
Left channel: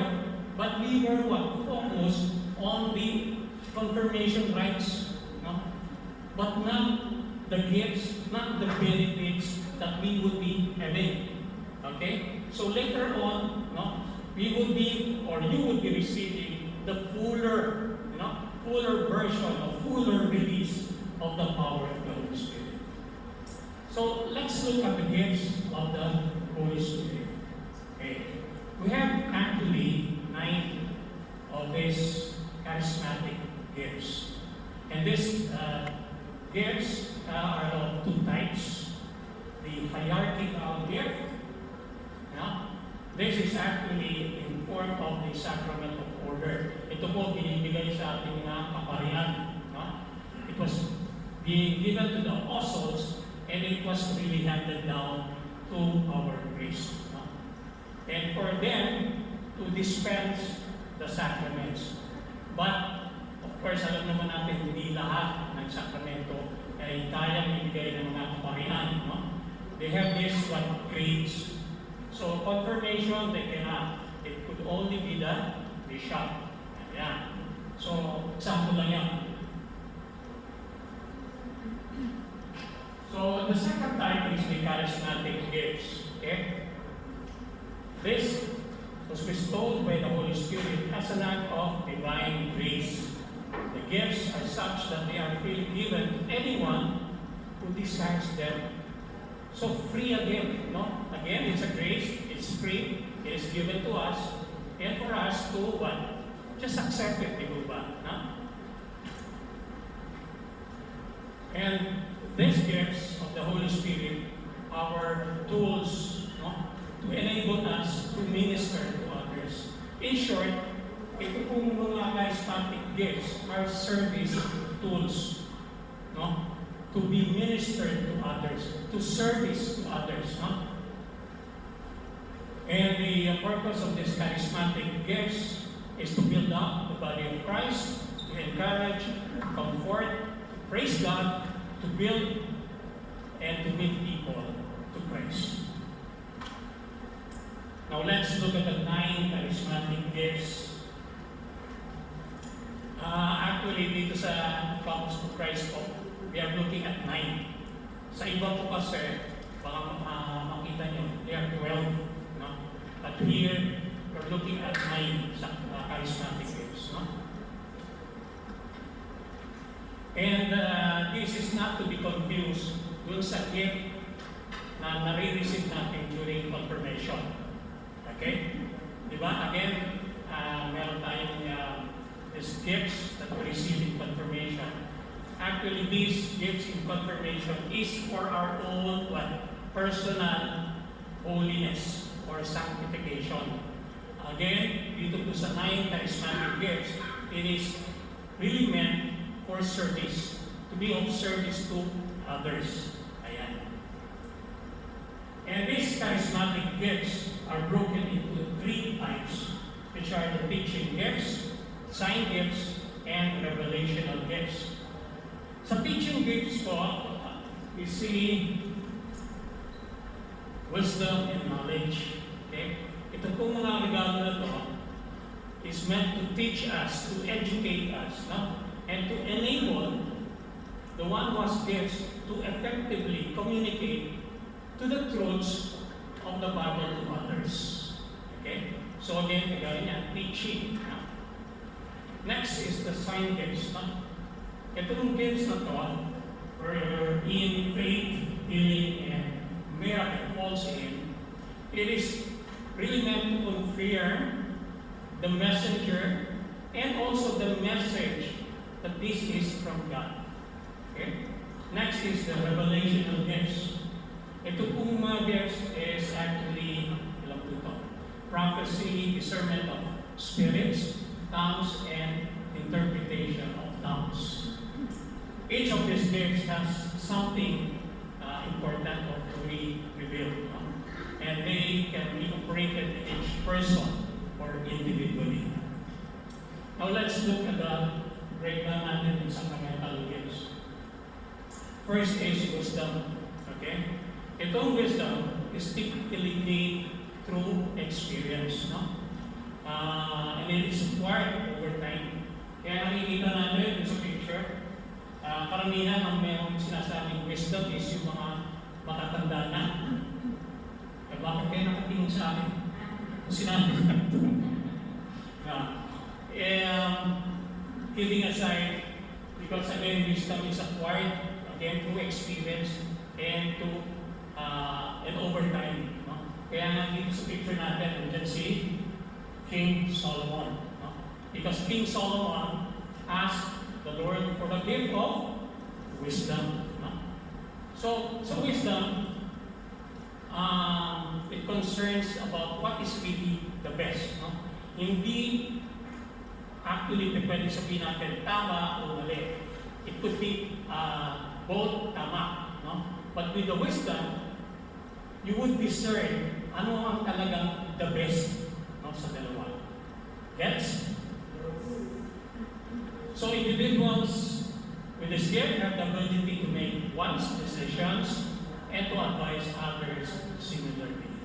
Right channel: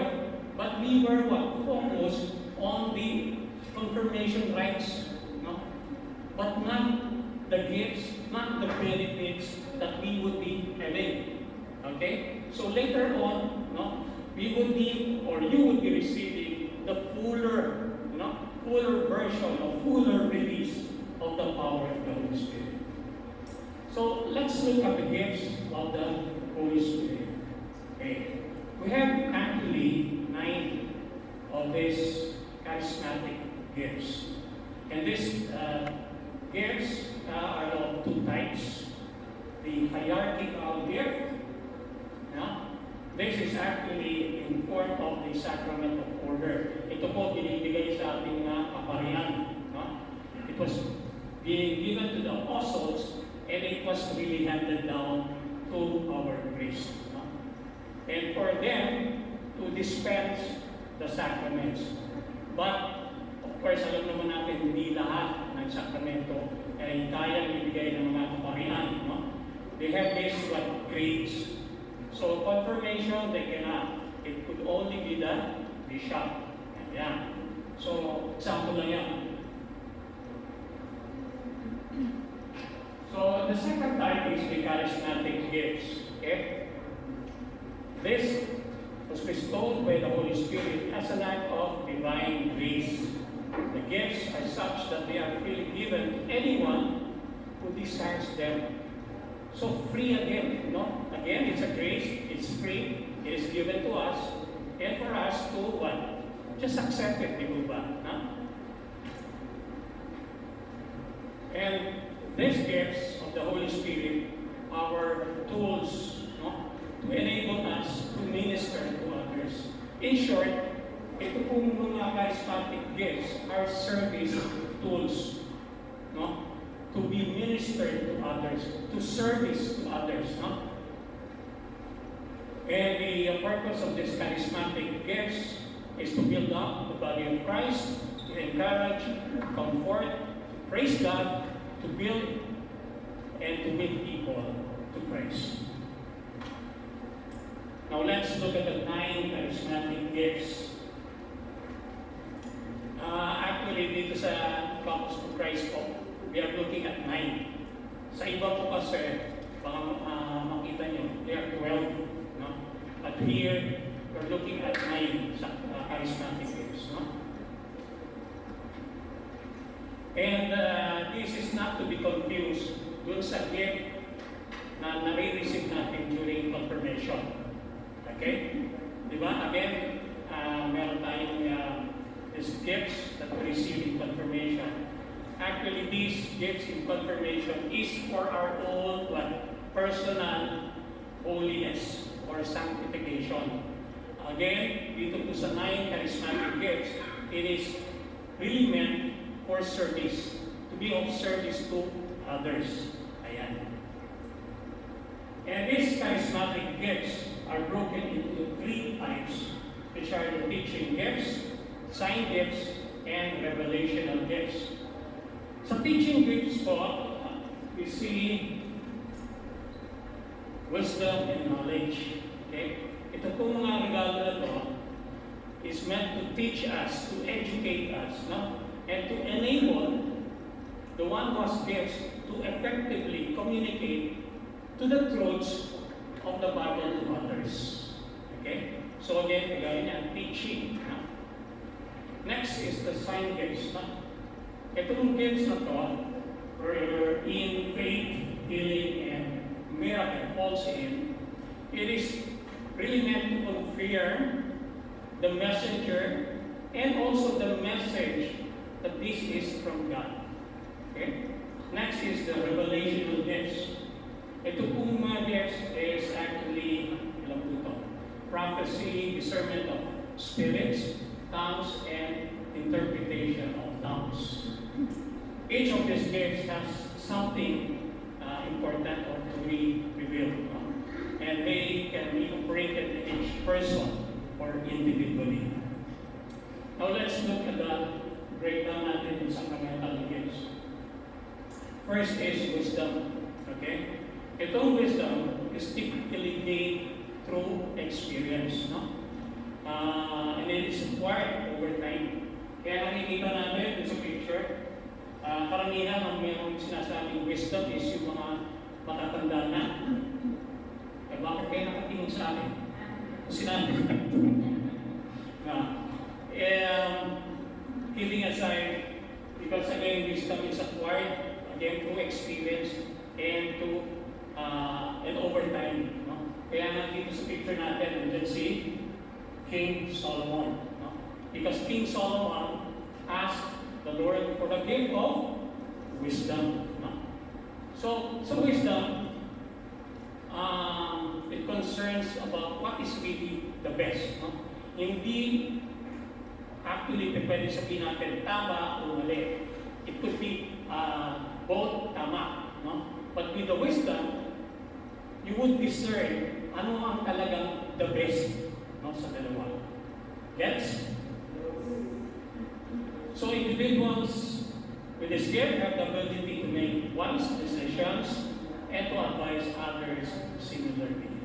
but we were focused on the confirmation rites. But not the gifts, not the benefits that we would be having. Okay? So later on, we would be, or you would be receiving the fuller version, a fuller release of the power of the Holy Spirit. So let's look at the gifts of the Holy Spirit. Okay. We have actually 9 of these charismatic gifts. And these gifts are of 2 types. The hierarchical gift. This is actually in form of the sacrament of order. Ito po binibigay sa ating mga kaparian. It was being given to the apostles and it was really handed down to our priests. And for them to dispense the sacraments. But, of course, alam naman natin, hindi lahat ng sakramento ay kayang ibigay ng mga kaparian. They have this grades. So, confirmation, they cannot. It could only be the bishop. Ayan. So, example lang yan. the second type is the charismatic gifts. Okay? This was bestowed by the Holy Spirit as an act of divine grace. The gifts are such that they are freely given to anyone who desires them. So free again, no? Again, it's a grace, it's free, it is given to us, and for us to what? Just accept it, di ba? No? And these gifts of the Holy Spirit are tools, no? To enable us to minister to others. In short, ito pong mga charismatic gifts are service tools, no? To be ministered to others, to service to others, no? And the purpose of these charismatic gifts is to build up the body of Christ, to encourage, comfort, to praise God, to build, and to lead people to Christ. Now let's look at the 9 charismatic gifts. Actually, dito sa Campus for Christ po, we are looking at 9. Sa iba po kasi, baka makita nyo, they are 12. No? But here, we're looking at 9 sa charismatic gifts. No? And this is not to be confused dun sa gift na nare-receive natin during confirmation. Okay? Diba? Again, meron tayong these gifts that we receive in confirmation. Actually, these gifts in confirmation is for our own personal holiness or sanctification. Again, dito po sa 9 charismatic gifts, it is really meant for service, to be of service to others. Ayan. And these charismatic gifts are broken into 3 types, which are the teaching gifts, sign gifts, and revelational gifts. Sa teaching gifts po, we see wisdom and knowledge. Okay? Ito po mga regalo na to is meant to teach us, to educate us, no? And to enable the one who has gifts to effectively communicate to the truths of the Bible to others. Okay? So again, kagaya niya, teaching. No? Next is the sign gifts. No? Itong gifts na to, in faith, healing, and miracle falls in, it is really meant to confirm the messenger and also the message that this is from God. Okay? Next is the revelational gifts. Ito pong mga gifts is actually, ilang po ito? Prophecy, discernment of spirits, tongues, and interpretation of tongues. Each of these gifts has something important or to be revealed. And they can be operated in each person or individually. Now let's look at the breakdown natin in sacramental gifts. First is wisdom. Okay? Itong wisdom is typically gained through experience. No? And it is acquired over time. Kaya nakikita natin sa picture, karamihan ang mayroong sinasabing wisdom is yung mga matatanda na. Eh, bakit kayo nakatingin sa akin? Sinabi ko. Kidding aside, because again, wisdom is acquired again through experience and over time. No? Kaya nga dito sa picture natin, you can see King Solomon. No? Because King Solomon asked the Lord for the gift of wisdom. No? So wisdom, it concerns about what is really the best. No? Hindi actually pwede sabihin natin tama o mali. It could be both tama. No? But with the wisdom, you would discern ano ang talagang the best, no, sa dalawa. Gets? So individuals with this gift have the ability to make wise decisions and to advise others similarly.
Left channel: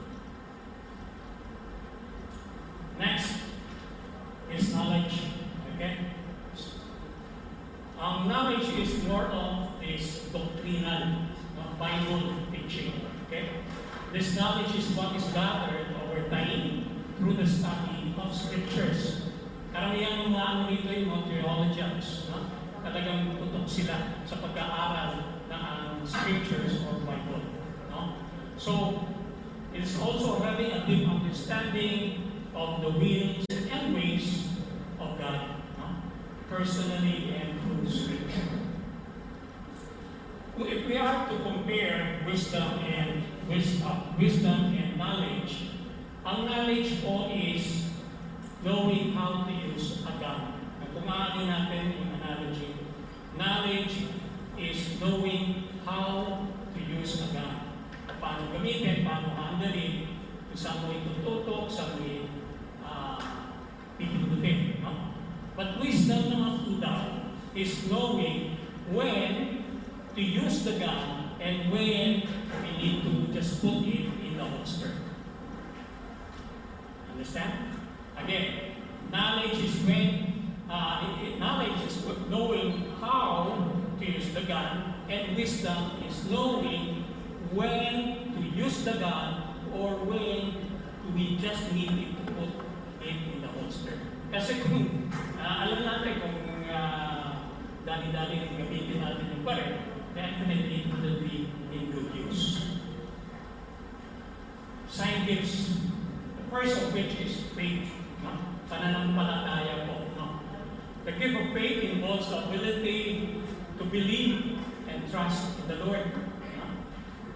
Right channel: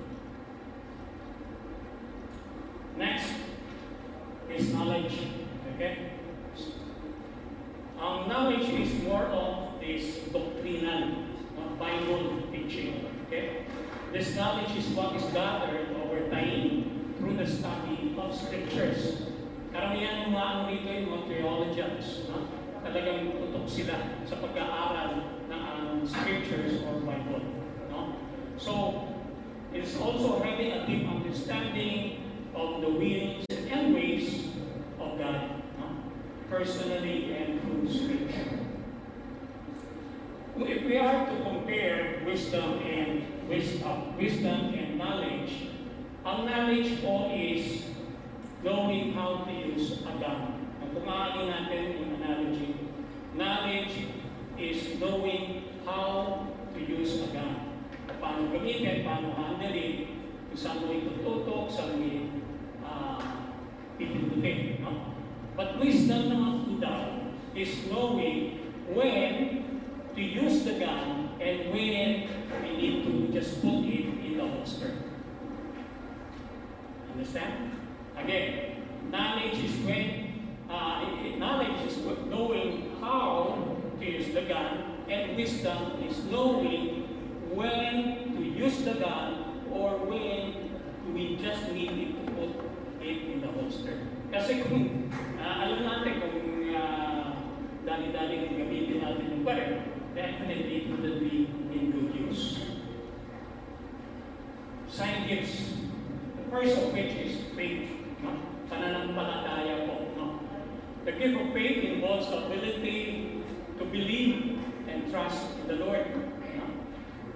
Next is knowledge. Okay? Knowledge is more of this doctrinal. No? Bible teaching. Okay? This knowledge is what is gathered over time through the study of scriptures. Karamihan ng mga rito yung mga theologians, no? Talagang tutok sila sa pag-aaral ng scriptures or Bible. No? So, it's also having a deep understanding of the wills and ways of God, no? Personally and through scripture. If we are to compare wisdom and knowledge, ang knowledge po is knowing how to use a gun. Kung maaari natin yung analogy, knowledge is knowing how to use a gun. Paano gamitin, paano handlein, kung saan mo itututok, saan mo pipindutin. No? But wisdom naman po is knowing when to use the gun and when we need to just put it in the holster. Understand? Again, knowledge is knowing how to use the gun, and wisdom is knowing when to use the gun or when we just need it to put it in the holster. Kasi kung alam natin kung dali-dali yung gamitin natin yung baril, definitely it will be in good use. Sign gifts. The first of which is faith. No? Pananampalataya po. No? The gift of faith involves the ability to believe and trust in the Lord, no?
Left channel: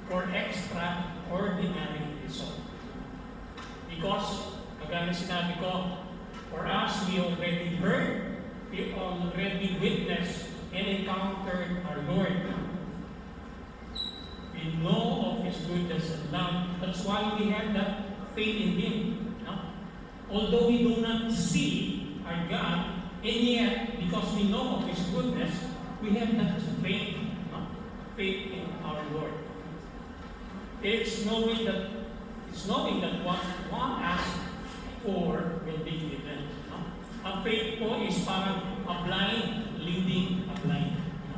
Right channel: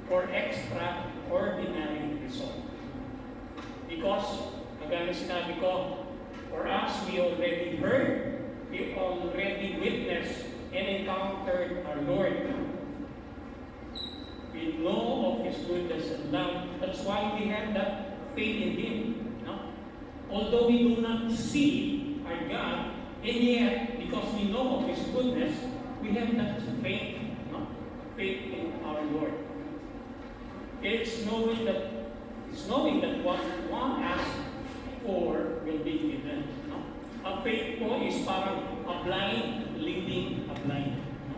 For extraordinary result. Because, kagaya na sinabi ko, for us, we already heard, we already witnessed and encountered our Lord. We know of His goodness and love. That's why we have that faith in Him. No? Although we do not see our God, and yet, because we know of His goodness, we have that faith. No? Faith in our Lord. It's knowing that what one asks for will be given. No? Ang faith po is parang a blind leading a blind. No?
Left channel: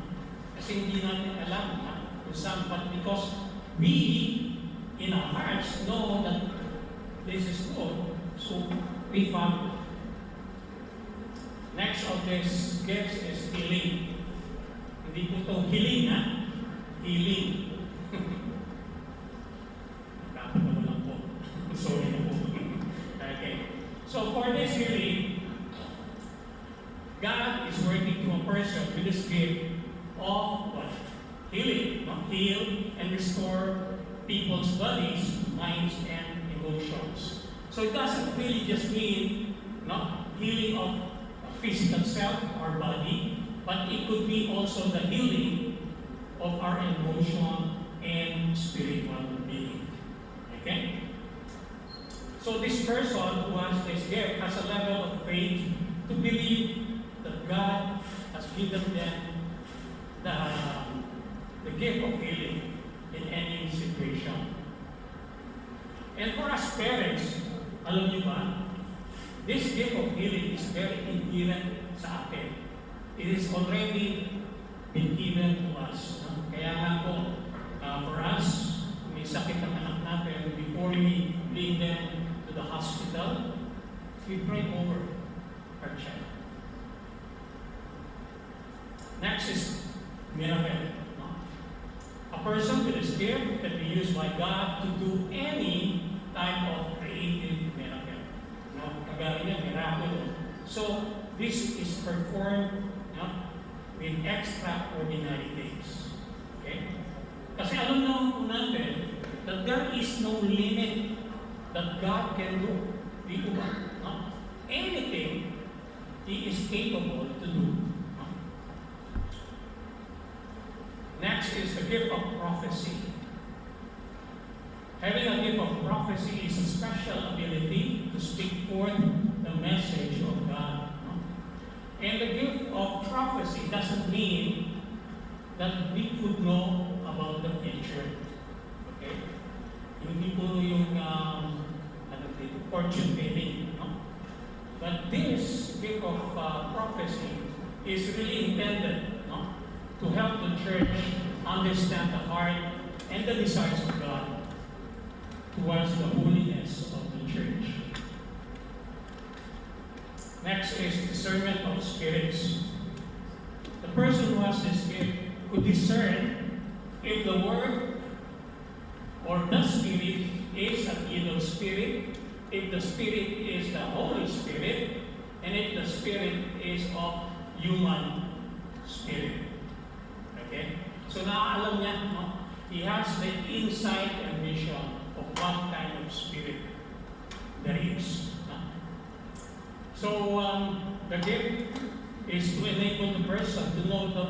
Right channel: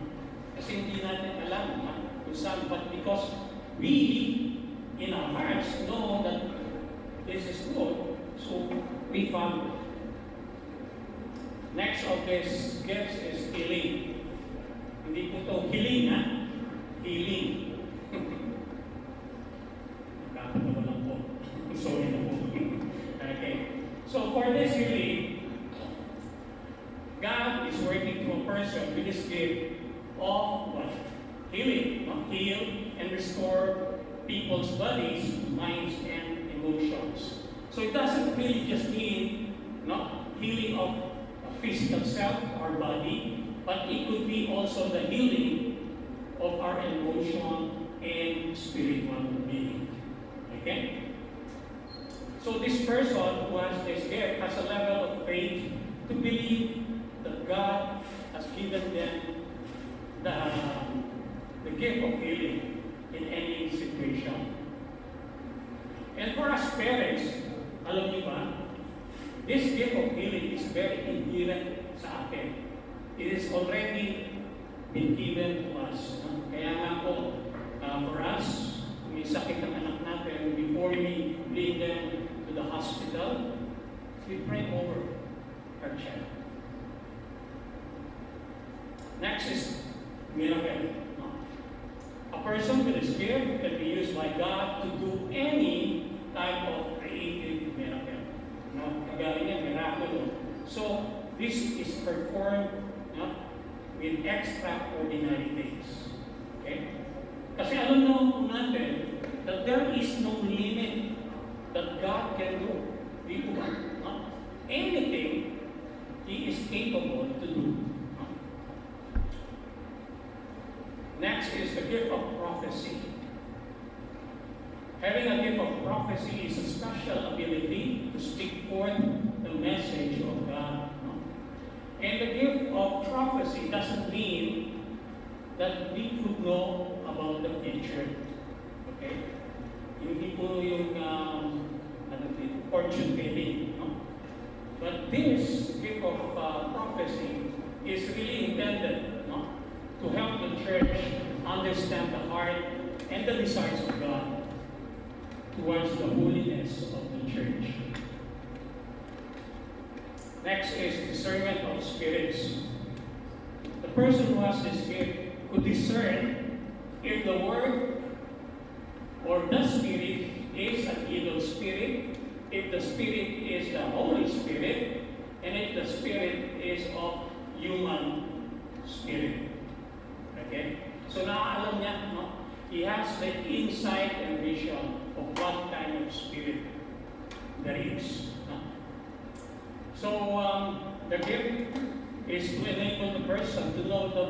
Kasi hindi natin alam. No? But because we, in our hearts, know that this is good, so we follow. Next of this gifts is healing. Hindi po ito healing, ha? Healing. Nakakatawa lang po. Sorry na po. Okay. So for this healing, God is working through a person with this gift of what? Healing, heal and restore people's bodies, minds, and emotions. So it doesn't really just mean healing of physical self, our body, but it could be also the healing of our emotion and spiritual being. Okay? So this person who has this gift has a level of faith to believe that God has given them the gift of healing in any situation. And for us parents, alam niyo ba, this gift of healing is very inherent sa atin. It is already been given to us. No? Kaya nga po, for us, may sakit ang anak natin, before we bring them to the hospital, we pray over our child. Next is miracle. A person with this gift can be used by God to do any type of creative miracle. Kagaya niya, miracle. So, this is performed with extraordinary things. Okay? Kasi alam naman po natin that there is no limit that God can do. Di ba? Anything He is capable to do. Next is the gift of prophecy. Having a gift of prophecy is a special ability to speak forth the message of God. And the gift of prophecy doesn't mean that we could know about the future. Okay? Hindi po yung fortune telling. No? But this gift of prophecy is really intended to help the church understand the heart and the desires of God towards the holiness of the church. Next is discernment of spirits. The person who has this gift could discern if the word or the spirit is an evil spirit, if the spirit is the Holy Spirit, and if the spirit is of human spirit. Okay? So now alam niya, no? He has the insight and vision of what kind of spirit there is. No? So the gift is to enable the person to know the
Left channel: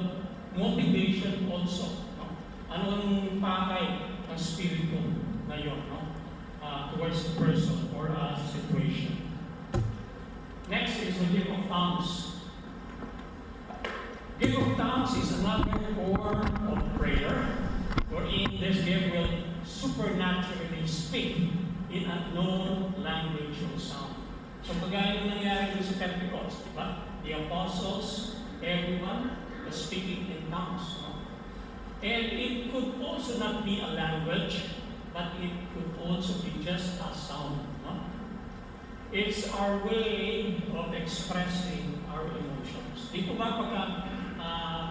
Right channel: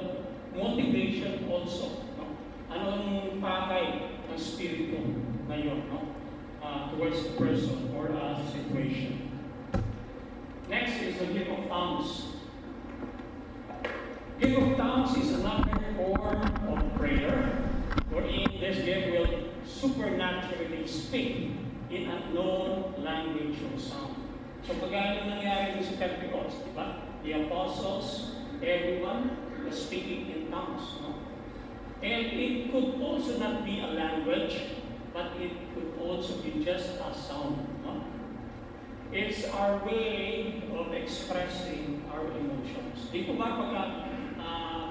motivation also. No? Ano ang pakay ng spirito na yun, no? Towards the person or a situation. Next is the gift of tongues. Gift of tongues is another form of prayer, wherein this gift will supernaturally speak in a known language or sound. So kagaya ng nangyari sa Pentecost, di ba? The apostles, everyone was speaking in tongues. No? And it could also not be a language, but it could also be just a sound. No? It's our way of expressing our emotions. Di po ba pagka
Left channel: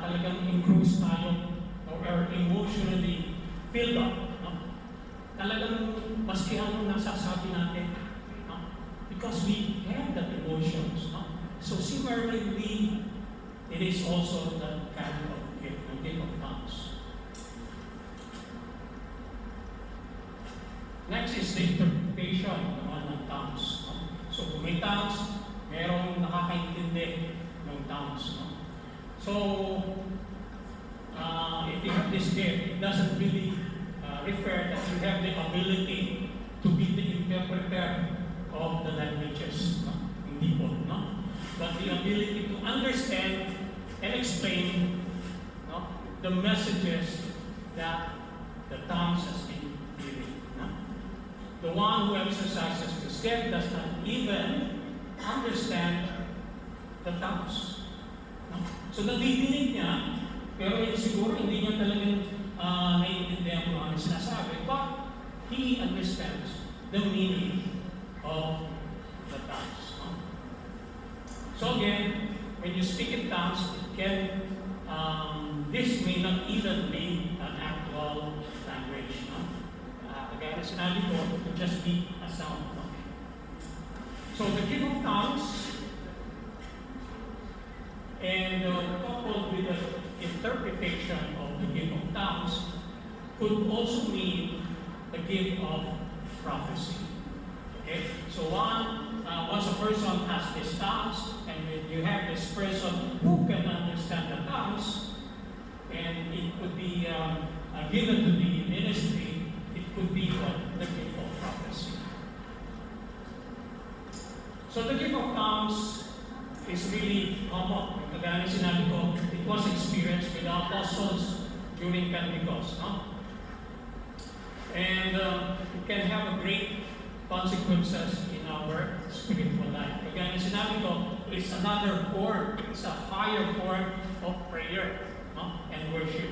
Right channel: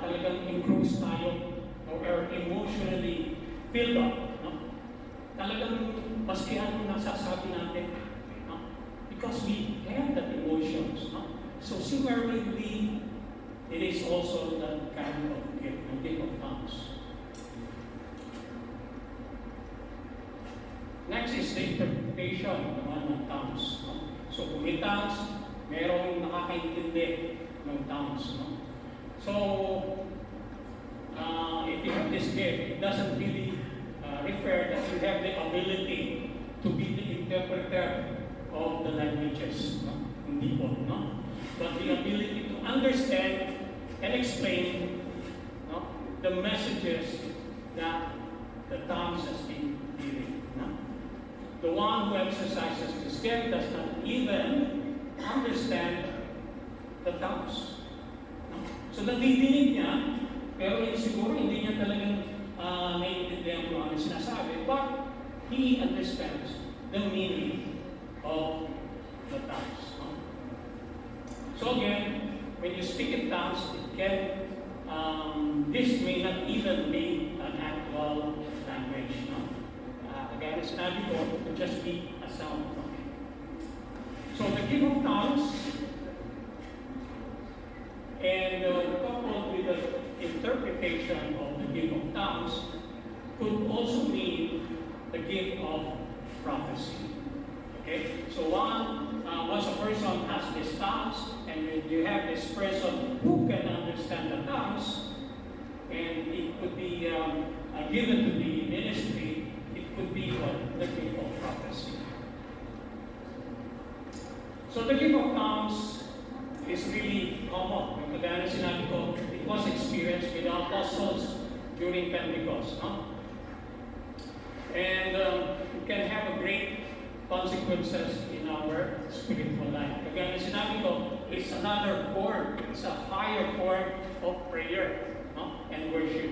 talagang engrossed tayo or emotionally filled up, no? Talagang maskihan ang nasasabi natin, no? Because we have that emotions. No? So similarly, it is also that kind of gift, the gift of tongues. Next is the interpretation naman ng tongues. No? So kung may tongues, merong nakakaintindi ng tongues. No? So, if you have this gift, it doesn't really refer that you have the ability to be the interpreter of the languages. No? Hindi po, no? But the ability to understand and explain, no, the messages that the tongues has been giving. No? The one who exercises this gift does not even understand the tongues. No? So nadidinig niya, pero siguro hindi niya talagang naiintindihan kung ano sinasabi, but he understands the meaning of the tongues. No? So again, when you speak in tongues, it can, this may not even be an actual language. No? Kagaya na sinabi ko, it could just be a sound. No? So the gift of tongues, and coupled with the interpretation of the gift of tongues, could also mean the gift of prophecy. Okay? So once a person has this tongues, and you have this person who can understand the tongues, and it could be given to the ministry, it could be the gift of prophecy. So the gift of tongues is really common. Kagaya sinabi ko, it was experienced with the apostles during Pentecost. No? And it can have a great consequences in our spiritual life. Kagaya sinabi ko, it's another form, it's a higher form of prayer, no? And worship.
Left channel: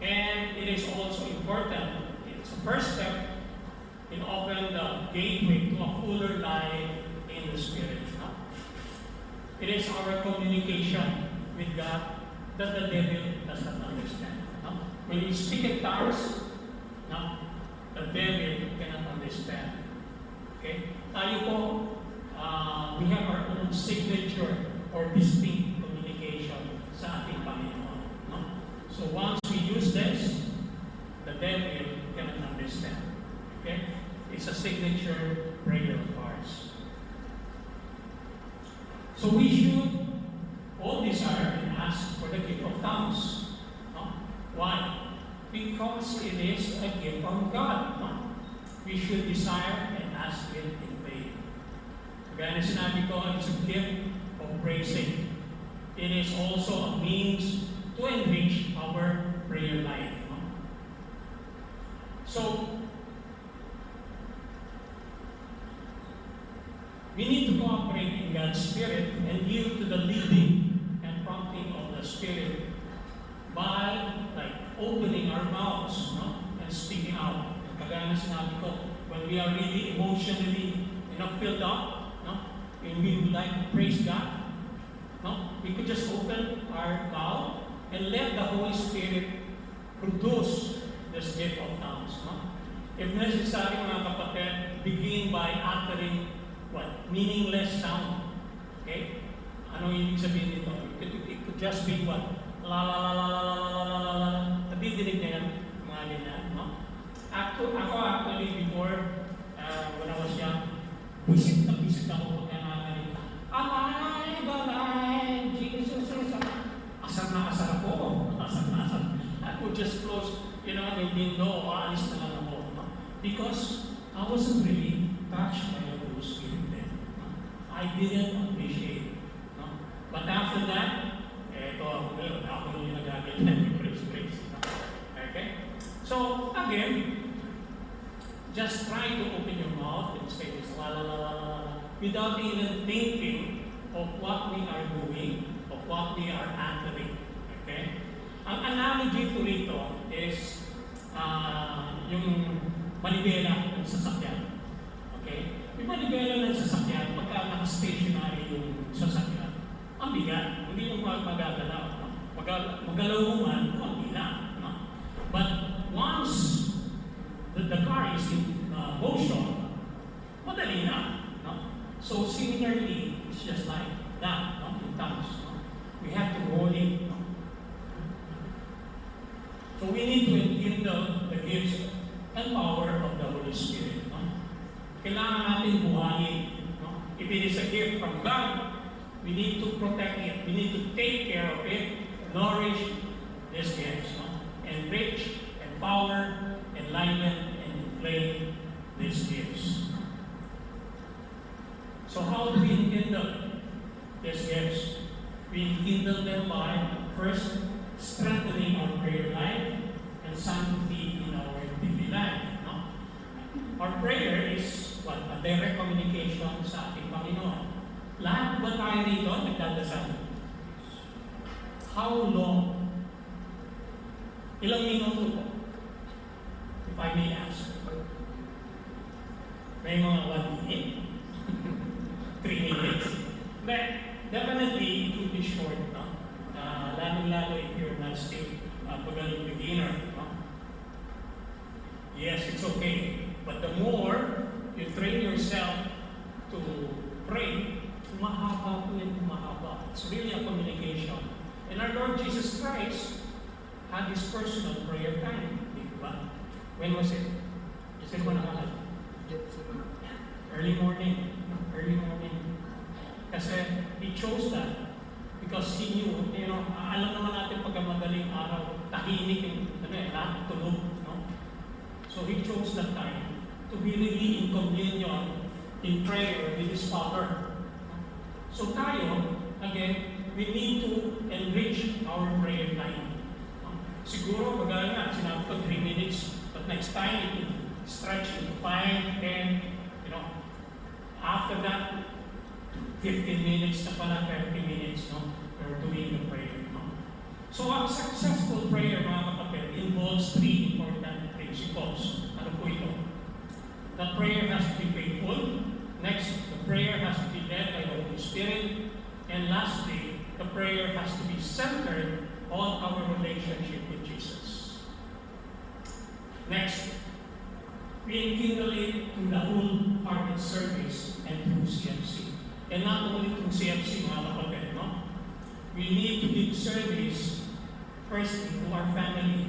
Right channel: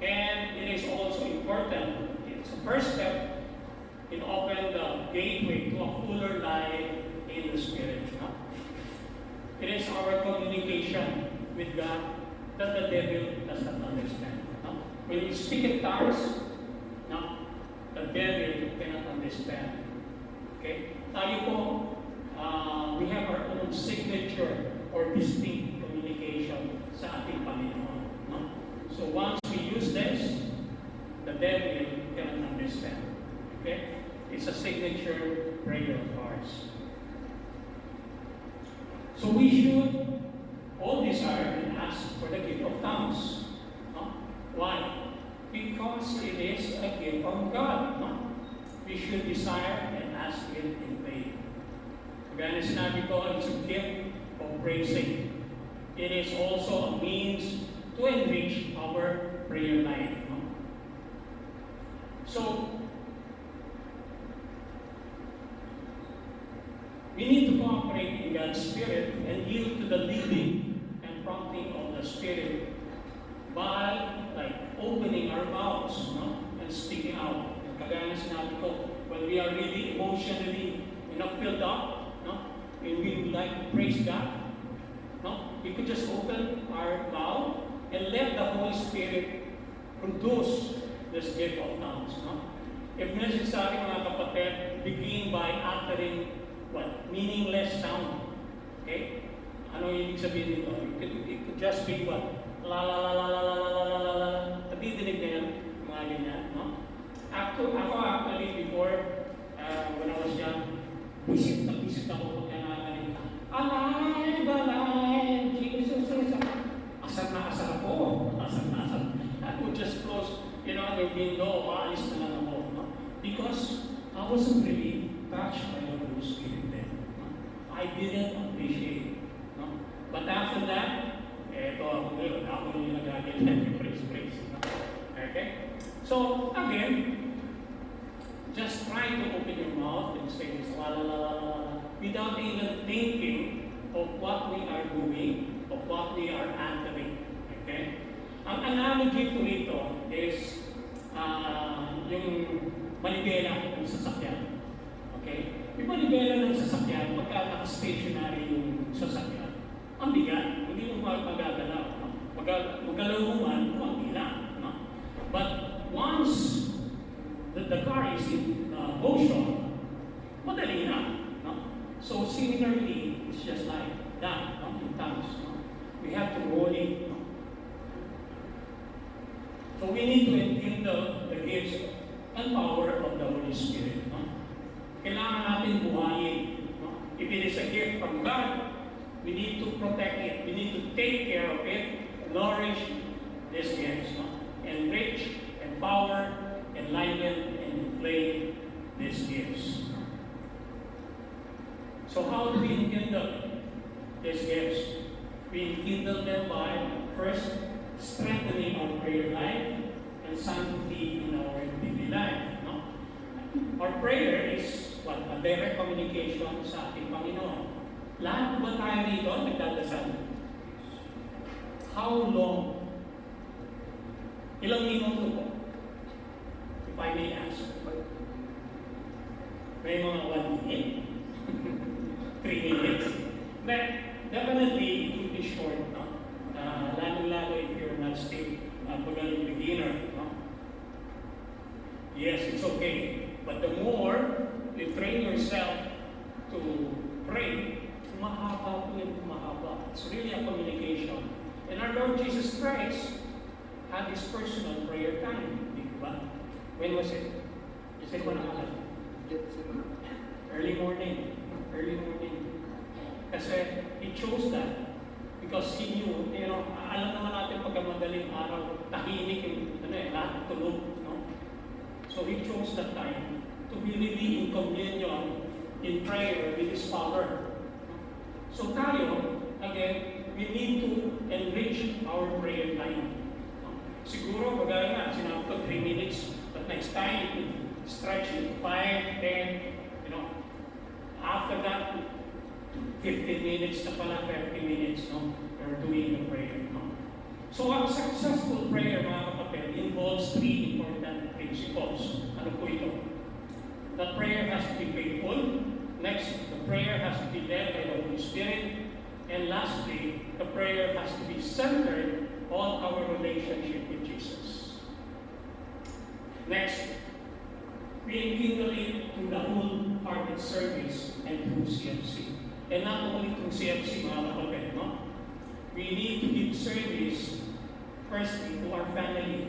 And it is also important, it's a first step in opening the gateway to a fuller life in the Spirit. No? It is our communication with God that the devil does not understand. No? When you speak in tongues, no, the devil cannot understand. Okay? Tayo po, we have our own signature or distinct communication sa ating Panginoon. No? So once we use this, the devil cannot understand. Okay? It's a signature prayer of ours. So we should all desire and ask for the gift of tongues. No? Why? Because it is a gift from God. No? We should desire and ask it in faith. Kagaya na sinabi ko, it's a gift of praising. It is also a means to enrich our prayer life. No? So, we need to cooperate in God's Spirit and yield to the leading and prompting of the Spirit by opening our mouths, no? And when we are really emotionally, filled up, and we would like to praise God, we could just open our mouth and let the Holy Spirit produce this gift of tongues. If necessary, mga kapatid, begin by uttering what? Meaningless sound. Okay? Ano ibig sabihin nito? It could just be what? La la la la la la la la la la. Nadidinig na yan, mga ganyan. Ako actually, before, when I was young, visit ako pagka nakakalita. Alive, Jesus is alive. Asar na asar ako. I would just close, the window, aalis na lang ako. Because I wasn't really touched by the Holy Spirit then. I didn't appreciate. But after that, ako yung nagagit na praise. Okay? So, again, just try to open your mouth and say this, la la la la la, without even thinking of what we are doing, of what we are uttering. Okay? Ang analogy ko rito is yung manibela ng sasakyan. Okay? Yung manibela ng sasakyan, pagka naka-stationary yung sasakyan, ang bigat, hindi mo magagalaw. Magalaw mo man, ang bilang. But once the car is in motion, madali na. So similarly, it's just like that, in tongues. We have to roll it. So we need to enkindle the gifts and power of the Holy Spirit. Kailangan natin buhayin. If it is a gift from God, we need to protect it. We need to take care of it, nourish these gifts, enrich, empower, enlighten, and inflame these gifts. So how do we enkindle these gifts? We enkindle them by first strengthening our prayer life and sanctity in our daily life. Our prayer is what? A direct communication sa ating Panginoon. Lahat ba tayo dito nagdadasal? How long? Ilang minuto po? If I may ask. May mga 1 minute? 3 minutes? But definitely it will be short. Lalo if you're not still pagaling beginner. Yes, it's okay. But the more you train yourself to pray, mahaba po yan, mahaba. It's really a communication. And our Lord Jesus Christ had his personal prayer time. Di ba? When was it? Is it early morning. Early morning. Kasi he chose that because he knew, alam naman natin pagka madaling araw, tahimik yung, lahat tulog, So he chose that time to be really in communion, in prayer with his Father. So tayo, again, we need to enrich our prayer time. Siguro, bagay nga, sinabi ko 3 minutes, but next time it will stretch into 5, 10, after that, 15 minutes na pala, 30 minutes, we're doing the prayer. So ang successful prayer, mga kapatid, involves 3 important principles. Ano po ito? The prayer has to be faithful. Next, the prayer has to be led by the Holy Spirit. And lastly, the prayer has to be centered on our relationship with Jesus. Next, we enkindle it through the wholehearted service and through CFC. And not only through CFC, mga kapatid, we need to give service firstly to our family.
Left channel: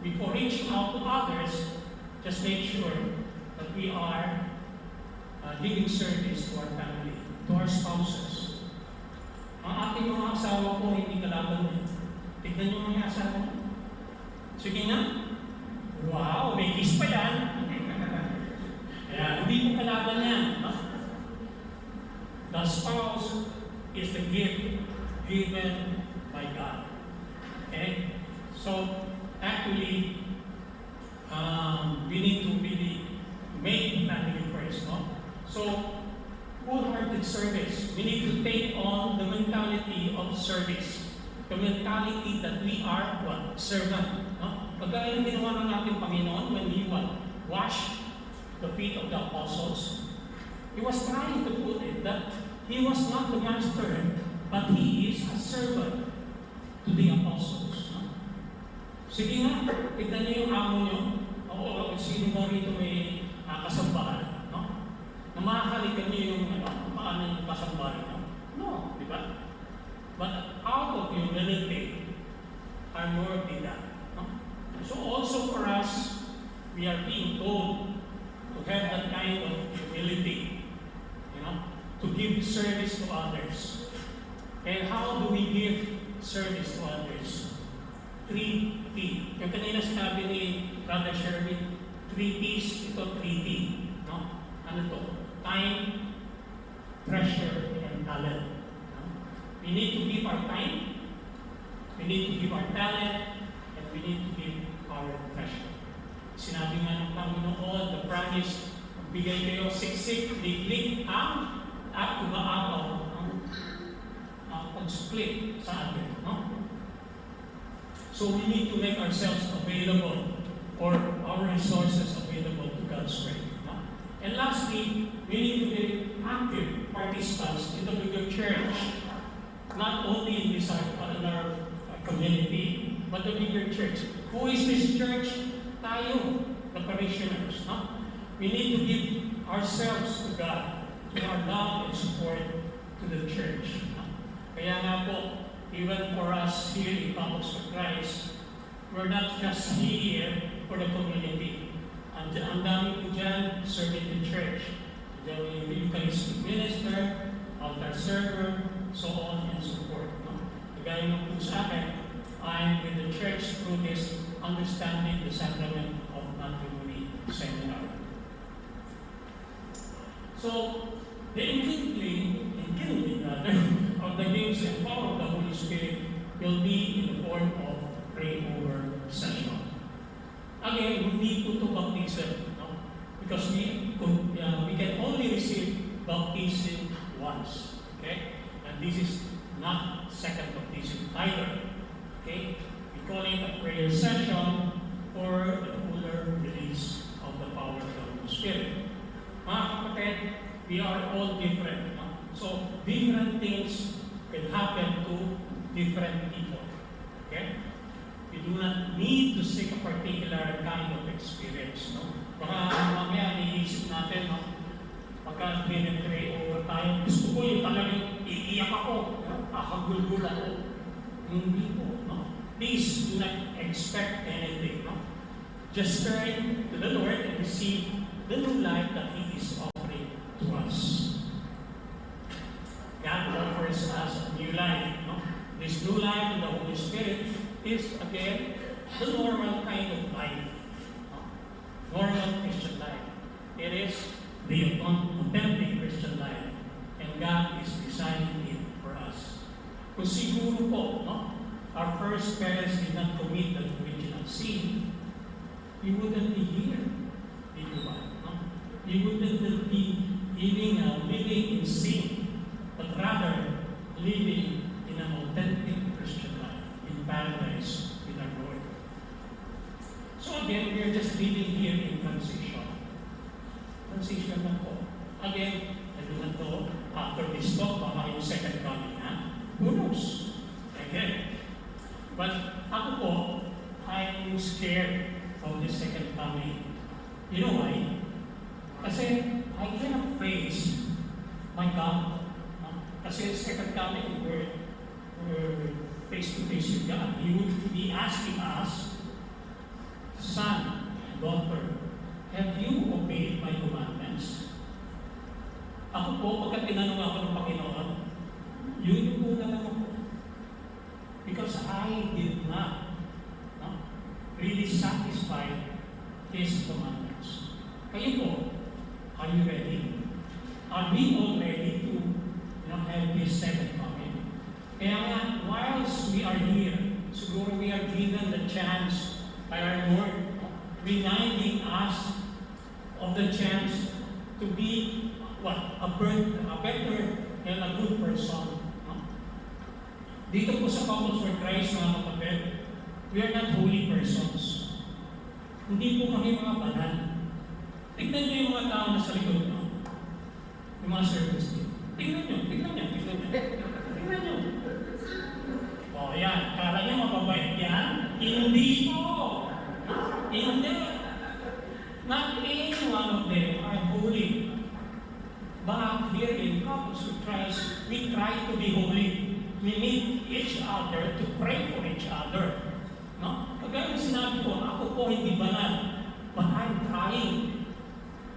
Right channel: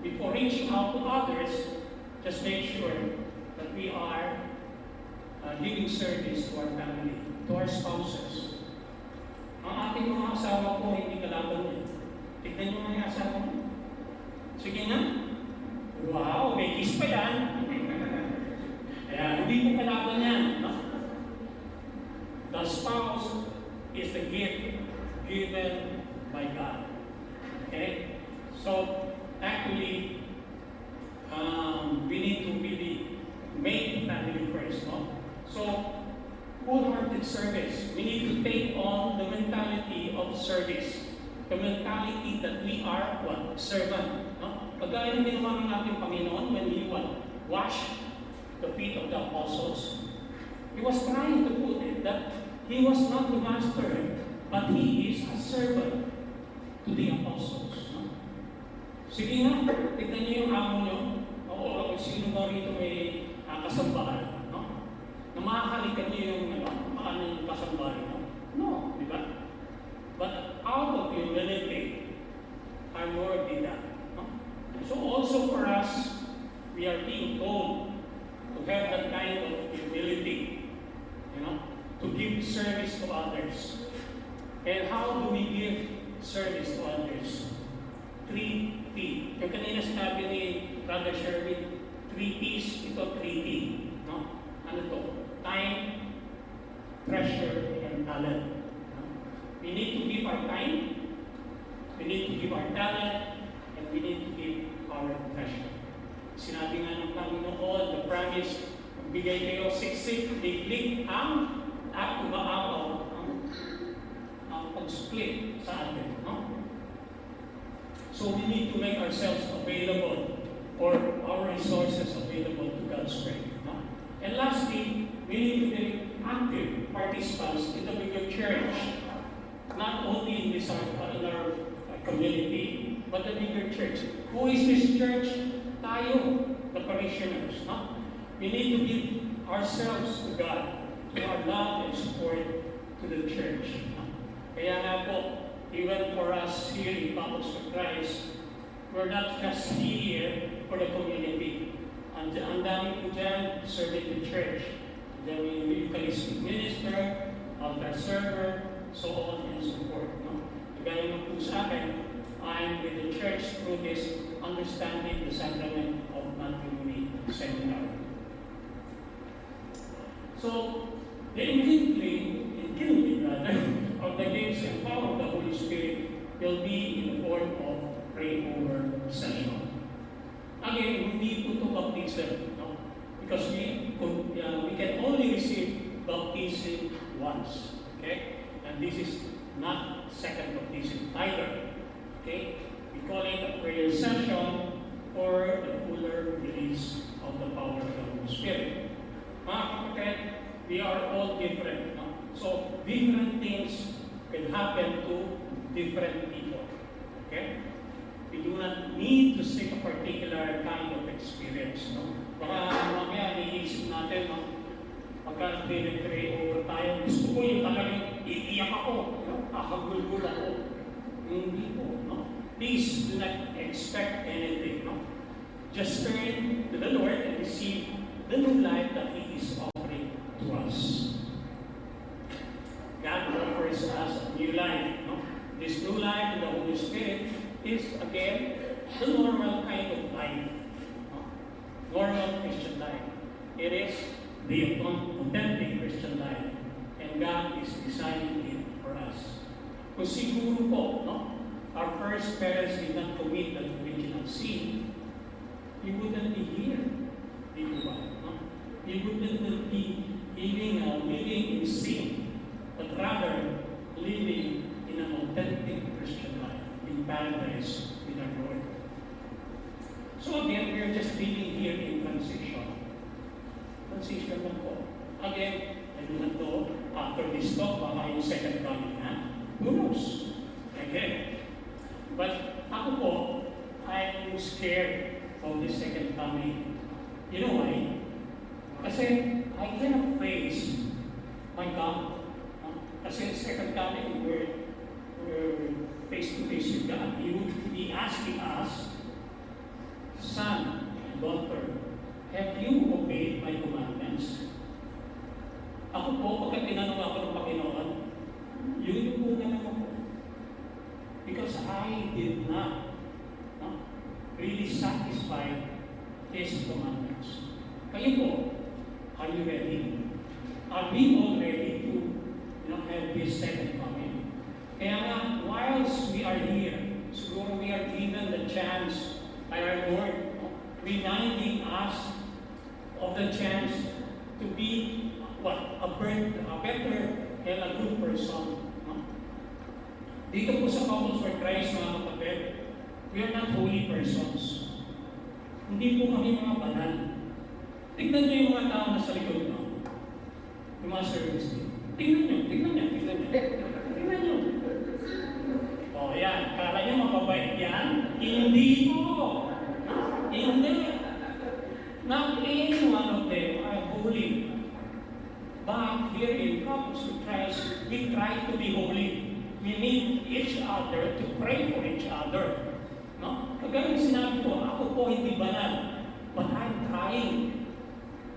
Before reaching out to others, just make sure that we are giving service to our family, to our spouses. Ang ating mga asawa po hindi kalaban nyo. Tignan nyo mga asawa mo. Sige nga. Wow, may kiss pa yan. Kaya hindi mo kalaban yan. The spouse is the gift given by God. Okay? So, actually, we need to really make family first, So, wholehearted service. We need to take on the mentality of service. The mentality that we are what? Servant. Pagkaya ng ginawa ng ating Panginoon when we wash the feet of the apostles. He was trying to put it that he was not the master, but he is a servant to the apostles. No? Sige nga, tignan niyo yung amo niyo. O sino ba rito may kasambahan? No? Na makakalikan niyo yung paano yung kasambahan. No? No, di ba? But out of humility, our Lord did that. No? So also for us, we are being told to have that kind of humility, to give service to others. And how do we give service to others? 3P. Yung kanina sinabi ni Brother Sherwin, 3Ps, ito 3P. No? Ano to? Time, treasure, and talent. We need to give our time, we need to give our talent, and we need to give our treasure. Sinabi nga ng Panginoon, the promise, magbigay kayo siksik, liglig, ang umaapaw, ang pagsukli sa atin. No? So we need to make ourselves available, or our resources available to God's way. No? And lastly, we need to be active participants in the bigger church. Not only in this our community, but the bigger church. Who is this church? Tayo, the parishioners. No? We need to give ourselves to God, to our love and support to the church. No? Kaya nga po, even for us here in Campus for Christ, we're not just here for the community. Ang dami po dyan, serving the church. Diyan yung Eucharistic minister, altar server, so on and so forth. No? Kagaya ng po sa akin, I'm with the church through this understanding the sacrament of matrimony seminar. So, the enkindling of the gifts and power of the Holy Spirit will be in the form of pray-over session. Again, we need to baptism, no? Because we can only receive baptism once. Okay? And this is not second baptism either. Okay? We call it a prayer session for the fuller release of the power of the Holy Spirit. Mga kapatid, we are all different. No? So, different things can happen to different people. Okay? We do not need to seek a particular kind of experience. No? Baka mamaya niisip natin, no? Pagka pray over tayo, gusto ko yung talagang iiyak ako, kakagulgul ako. Hindi po, no? Please do not expect anything, no? Just turn to the Lord and receive the new life that He is offering to us. God offers us a new life, no? This new life in the Holy Spirit is, again, the normal kind of life, no? Normal Christian life. It is the authentic Christian life. And God is designing it for us. Kung siguro po, no, our first parents did not commit the original sin, we wouldn't be here. Dito ba? No? We wouldn't be living in sin, but rather living in an authentic Christian life, in paradise with our Lord. So again, we are just living here in transition. Transition lang po. Again, I do not know, after this talk, baka yung second coming, ha? Who knows? Again. But ako po, I'm scared of the second coming. You know why? Kasi I cannot face my God. No? Kasi second coming, we're face to face with God. He would be asking us, son, daughter, have you obeyed my commandments? Ako po, pagka tinanong ako ng Panginoon, yun po naman ako. Because I did not really satisfy His commandments. Kayo po, are you ready? Are we all ready to have this second coming? Kaya nga, whilst we are here, siguro we are given the chance by our Lord, reminding us of the chance to be a better and a good person. No? Dito po sa Campus for Christ, mga kapatid, we are not holy persons. Hindi po kami mga banal. Tignan niyo yung mga tao na sa likod mo. Yung mga servants niyo. Tignan niyo. Tignan niyo. O yan, kala niyo mababait yan? Hindi po. Hindi. Not any one of them are holy. But here in Couples with Christ, we try to be holy. We need each other to pray for each other. No? Kagaya sinabi ko, ako po hindi banal. But I'm trying.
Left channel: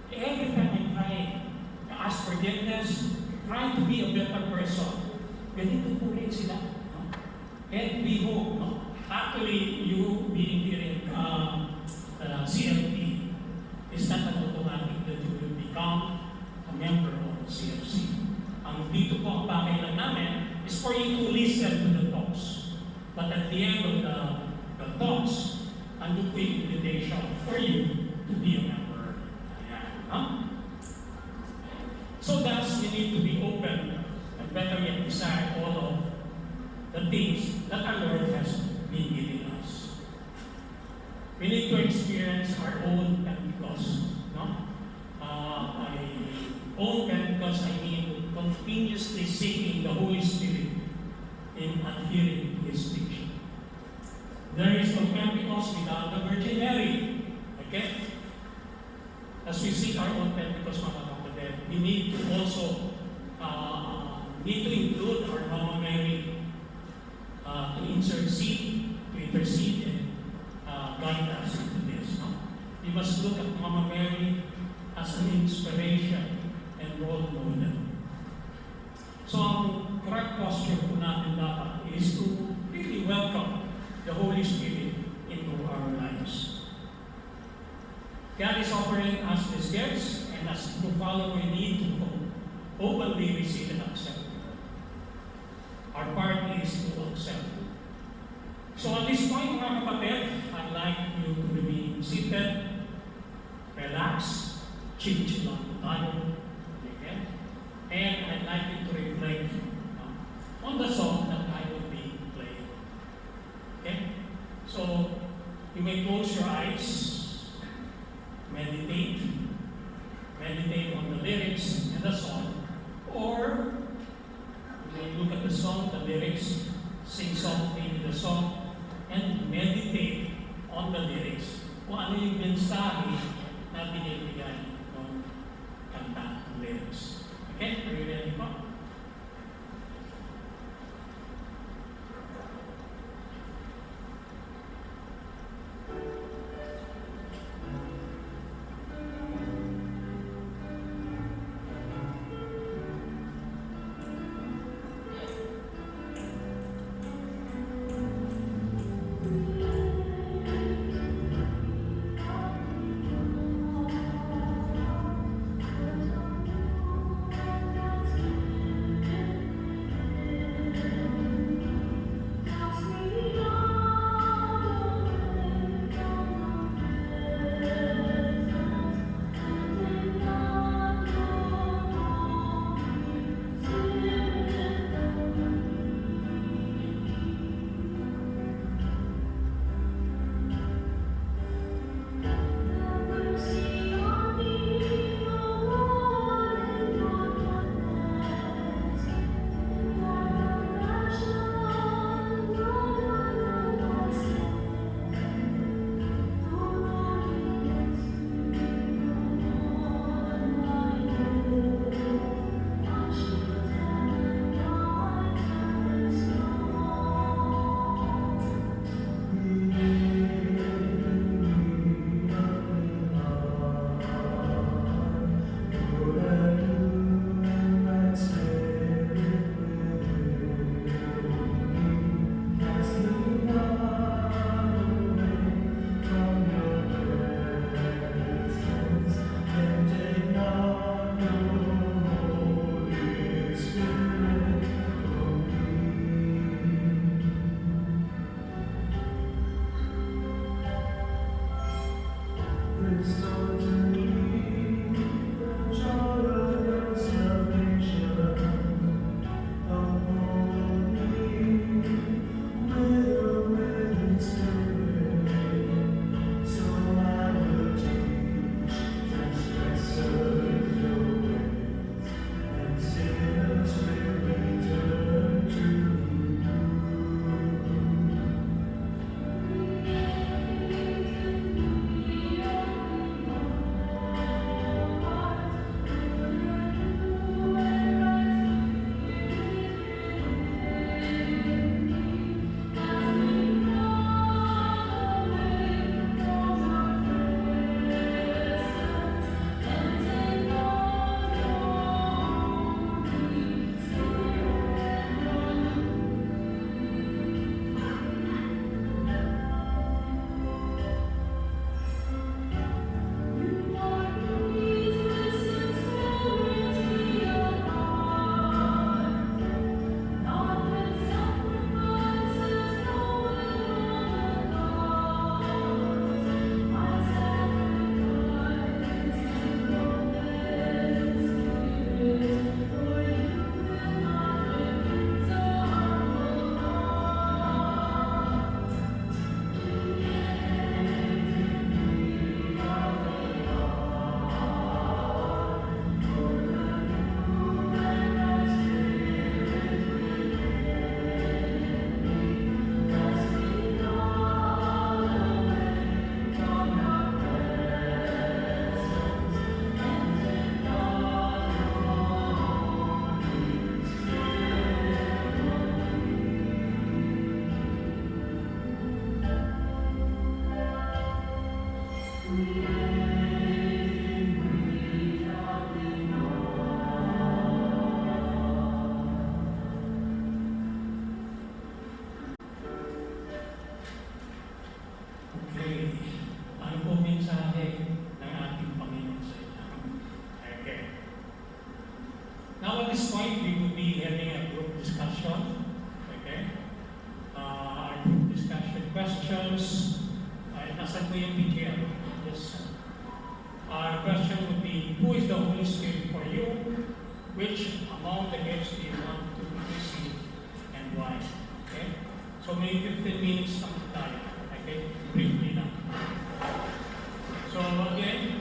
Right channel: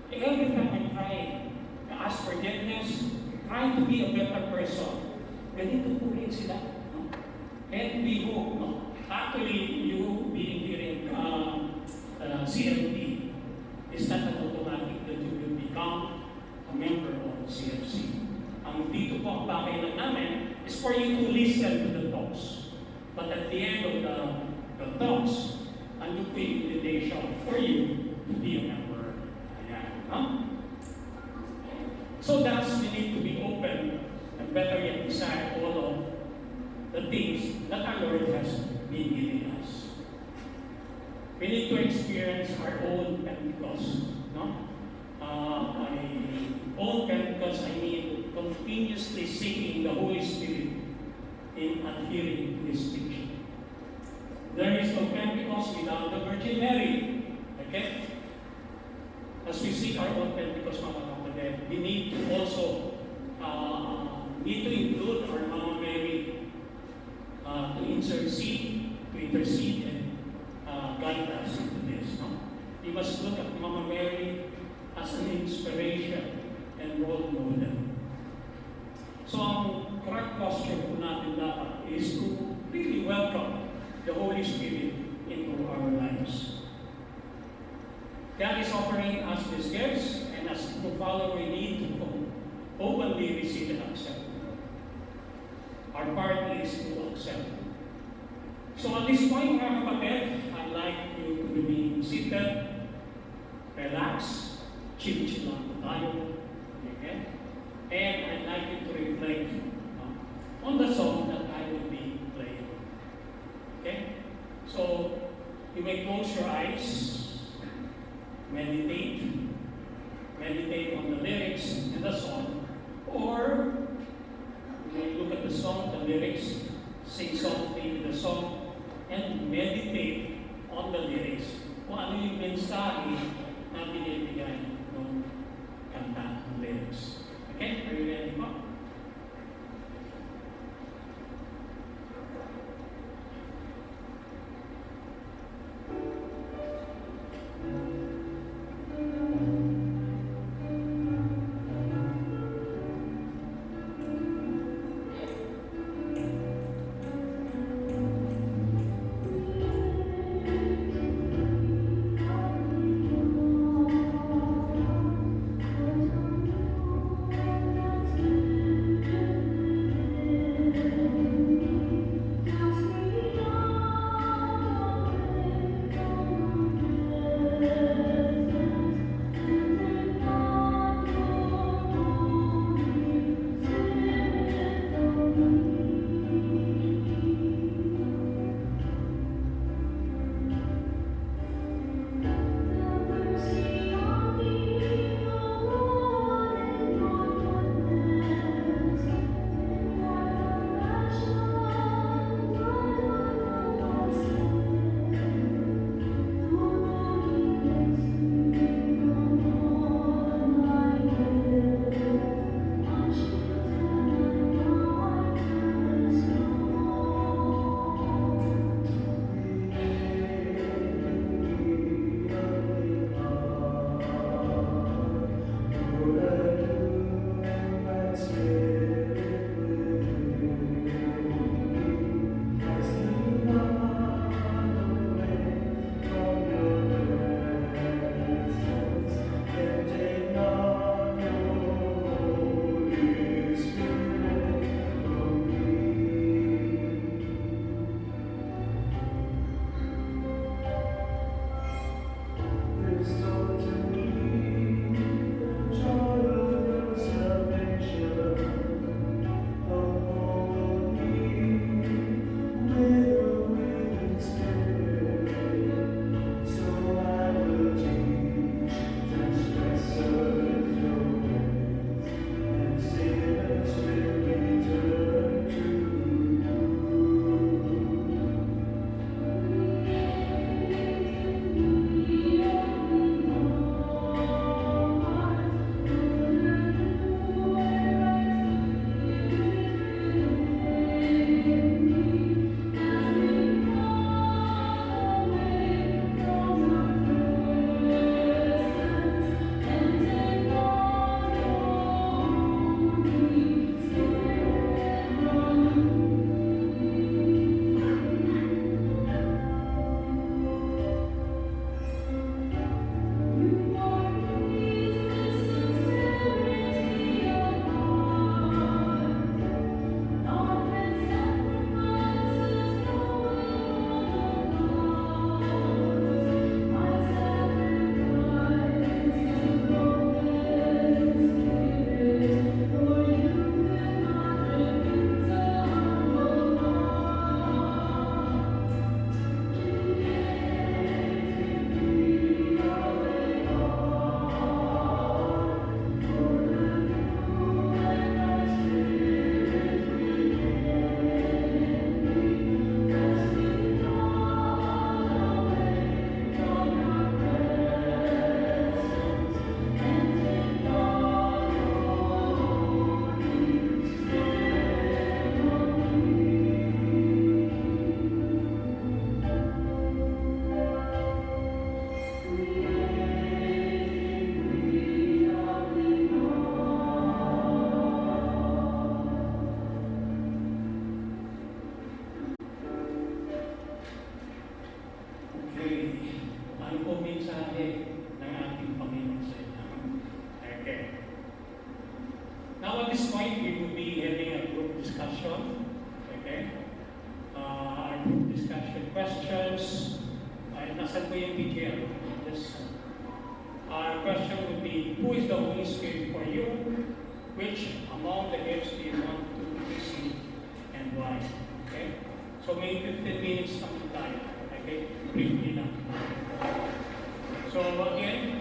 Every time I'm trying to ask forgiveness, trying to be a better person. Ganito po rin sila. No? And we hope, no? Actually, you being here in CLT is not an automatic that you will become a member of CFC. Ang dito po ang bagay lang namin is for you to listen to the talks. But at the end of the talks, andun po yung invitation for you to be a member. Ayan. Huh? So thus, we need to be open and better yet desire all of the things that our Lord has been giving us. We need to experience our own Pentecost. No? By own Pentecost, I mean continuously seeking the Holy Spirit in adhering to His teaching. There is no Pentecost without the Virgin Mary. Okay? As we seek our own Pentecost, mga kapatid, we need to also include our Mama Mary to intercede and guide us into this. No? We must look at Mama Mary as an inspiration and role model. So ang correct posture po natin dapat is to really welcome the Holy Spirit into our lives. God is offering us these gifts, and as a follower, we need to openly receive and accept. Our part is to accept. So at this point, mga kapatid, I'd like you to remain seated, relax, chill lang po tayo. Okay? And I'd like you to reflect on the song that I will be playing. Okay? So, you may close your eyes, meditate on the lyrics and the song, or you may look at the song, the lyrics, sing softly with the song, and meditate on the lyrics. Kung ano yung mensahe na binibigay ng kanta, ng lyrics. Okay? Are you ready po? Ano po mensahe ng ating Panginoon sa inyo? Okay. Now at this point, we will be having a group discussion. Okay? Our group discussion questions. Nasan po yung PGL? Yes. Our question would be, who is the Holy Spirit for you? Which among the gifts do you want to receive and why? Okay? So may 15 minutes lang tayo. Okay? Briefly lang. So again,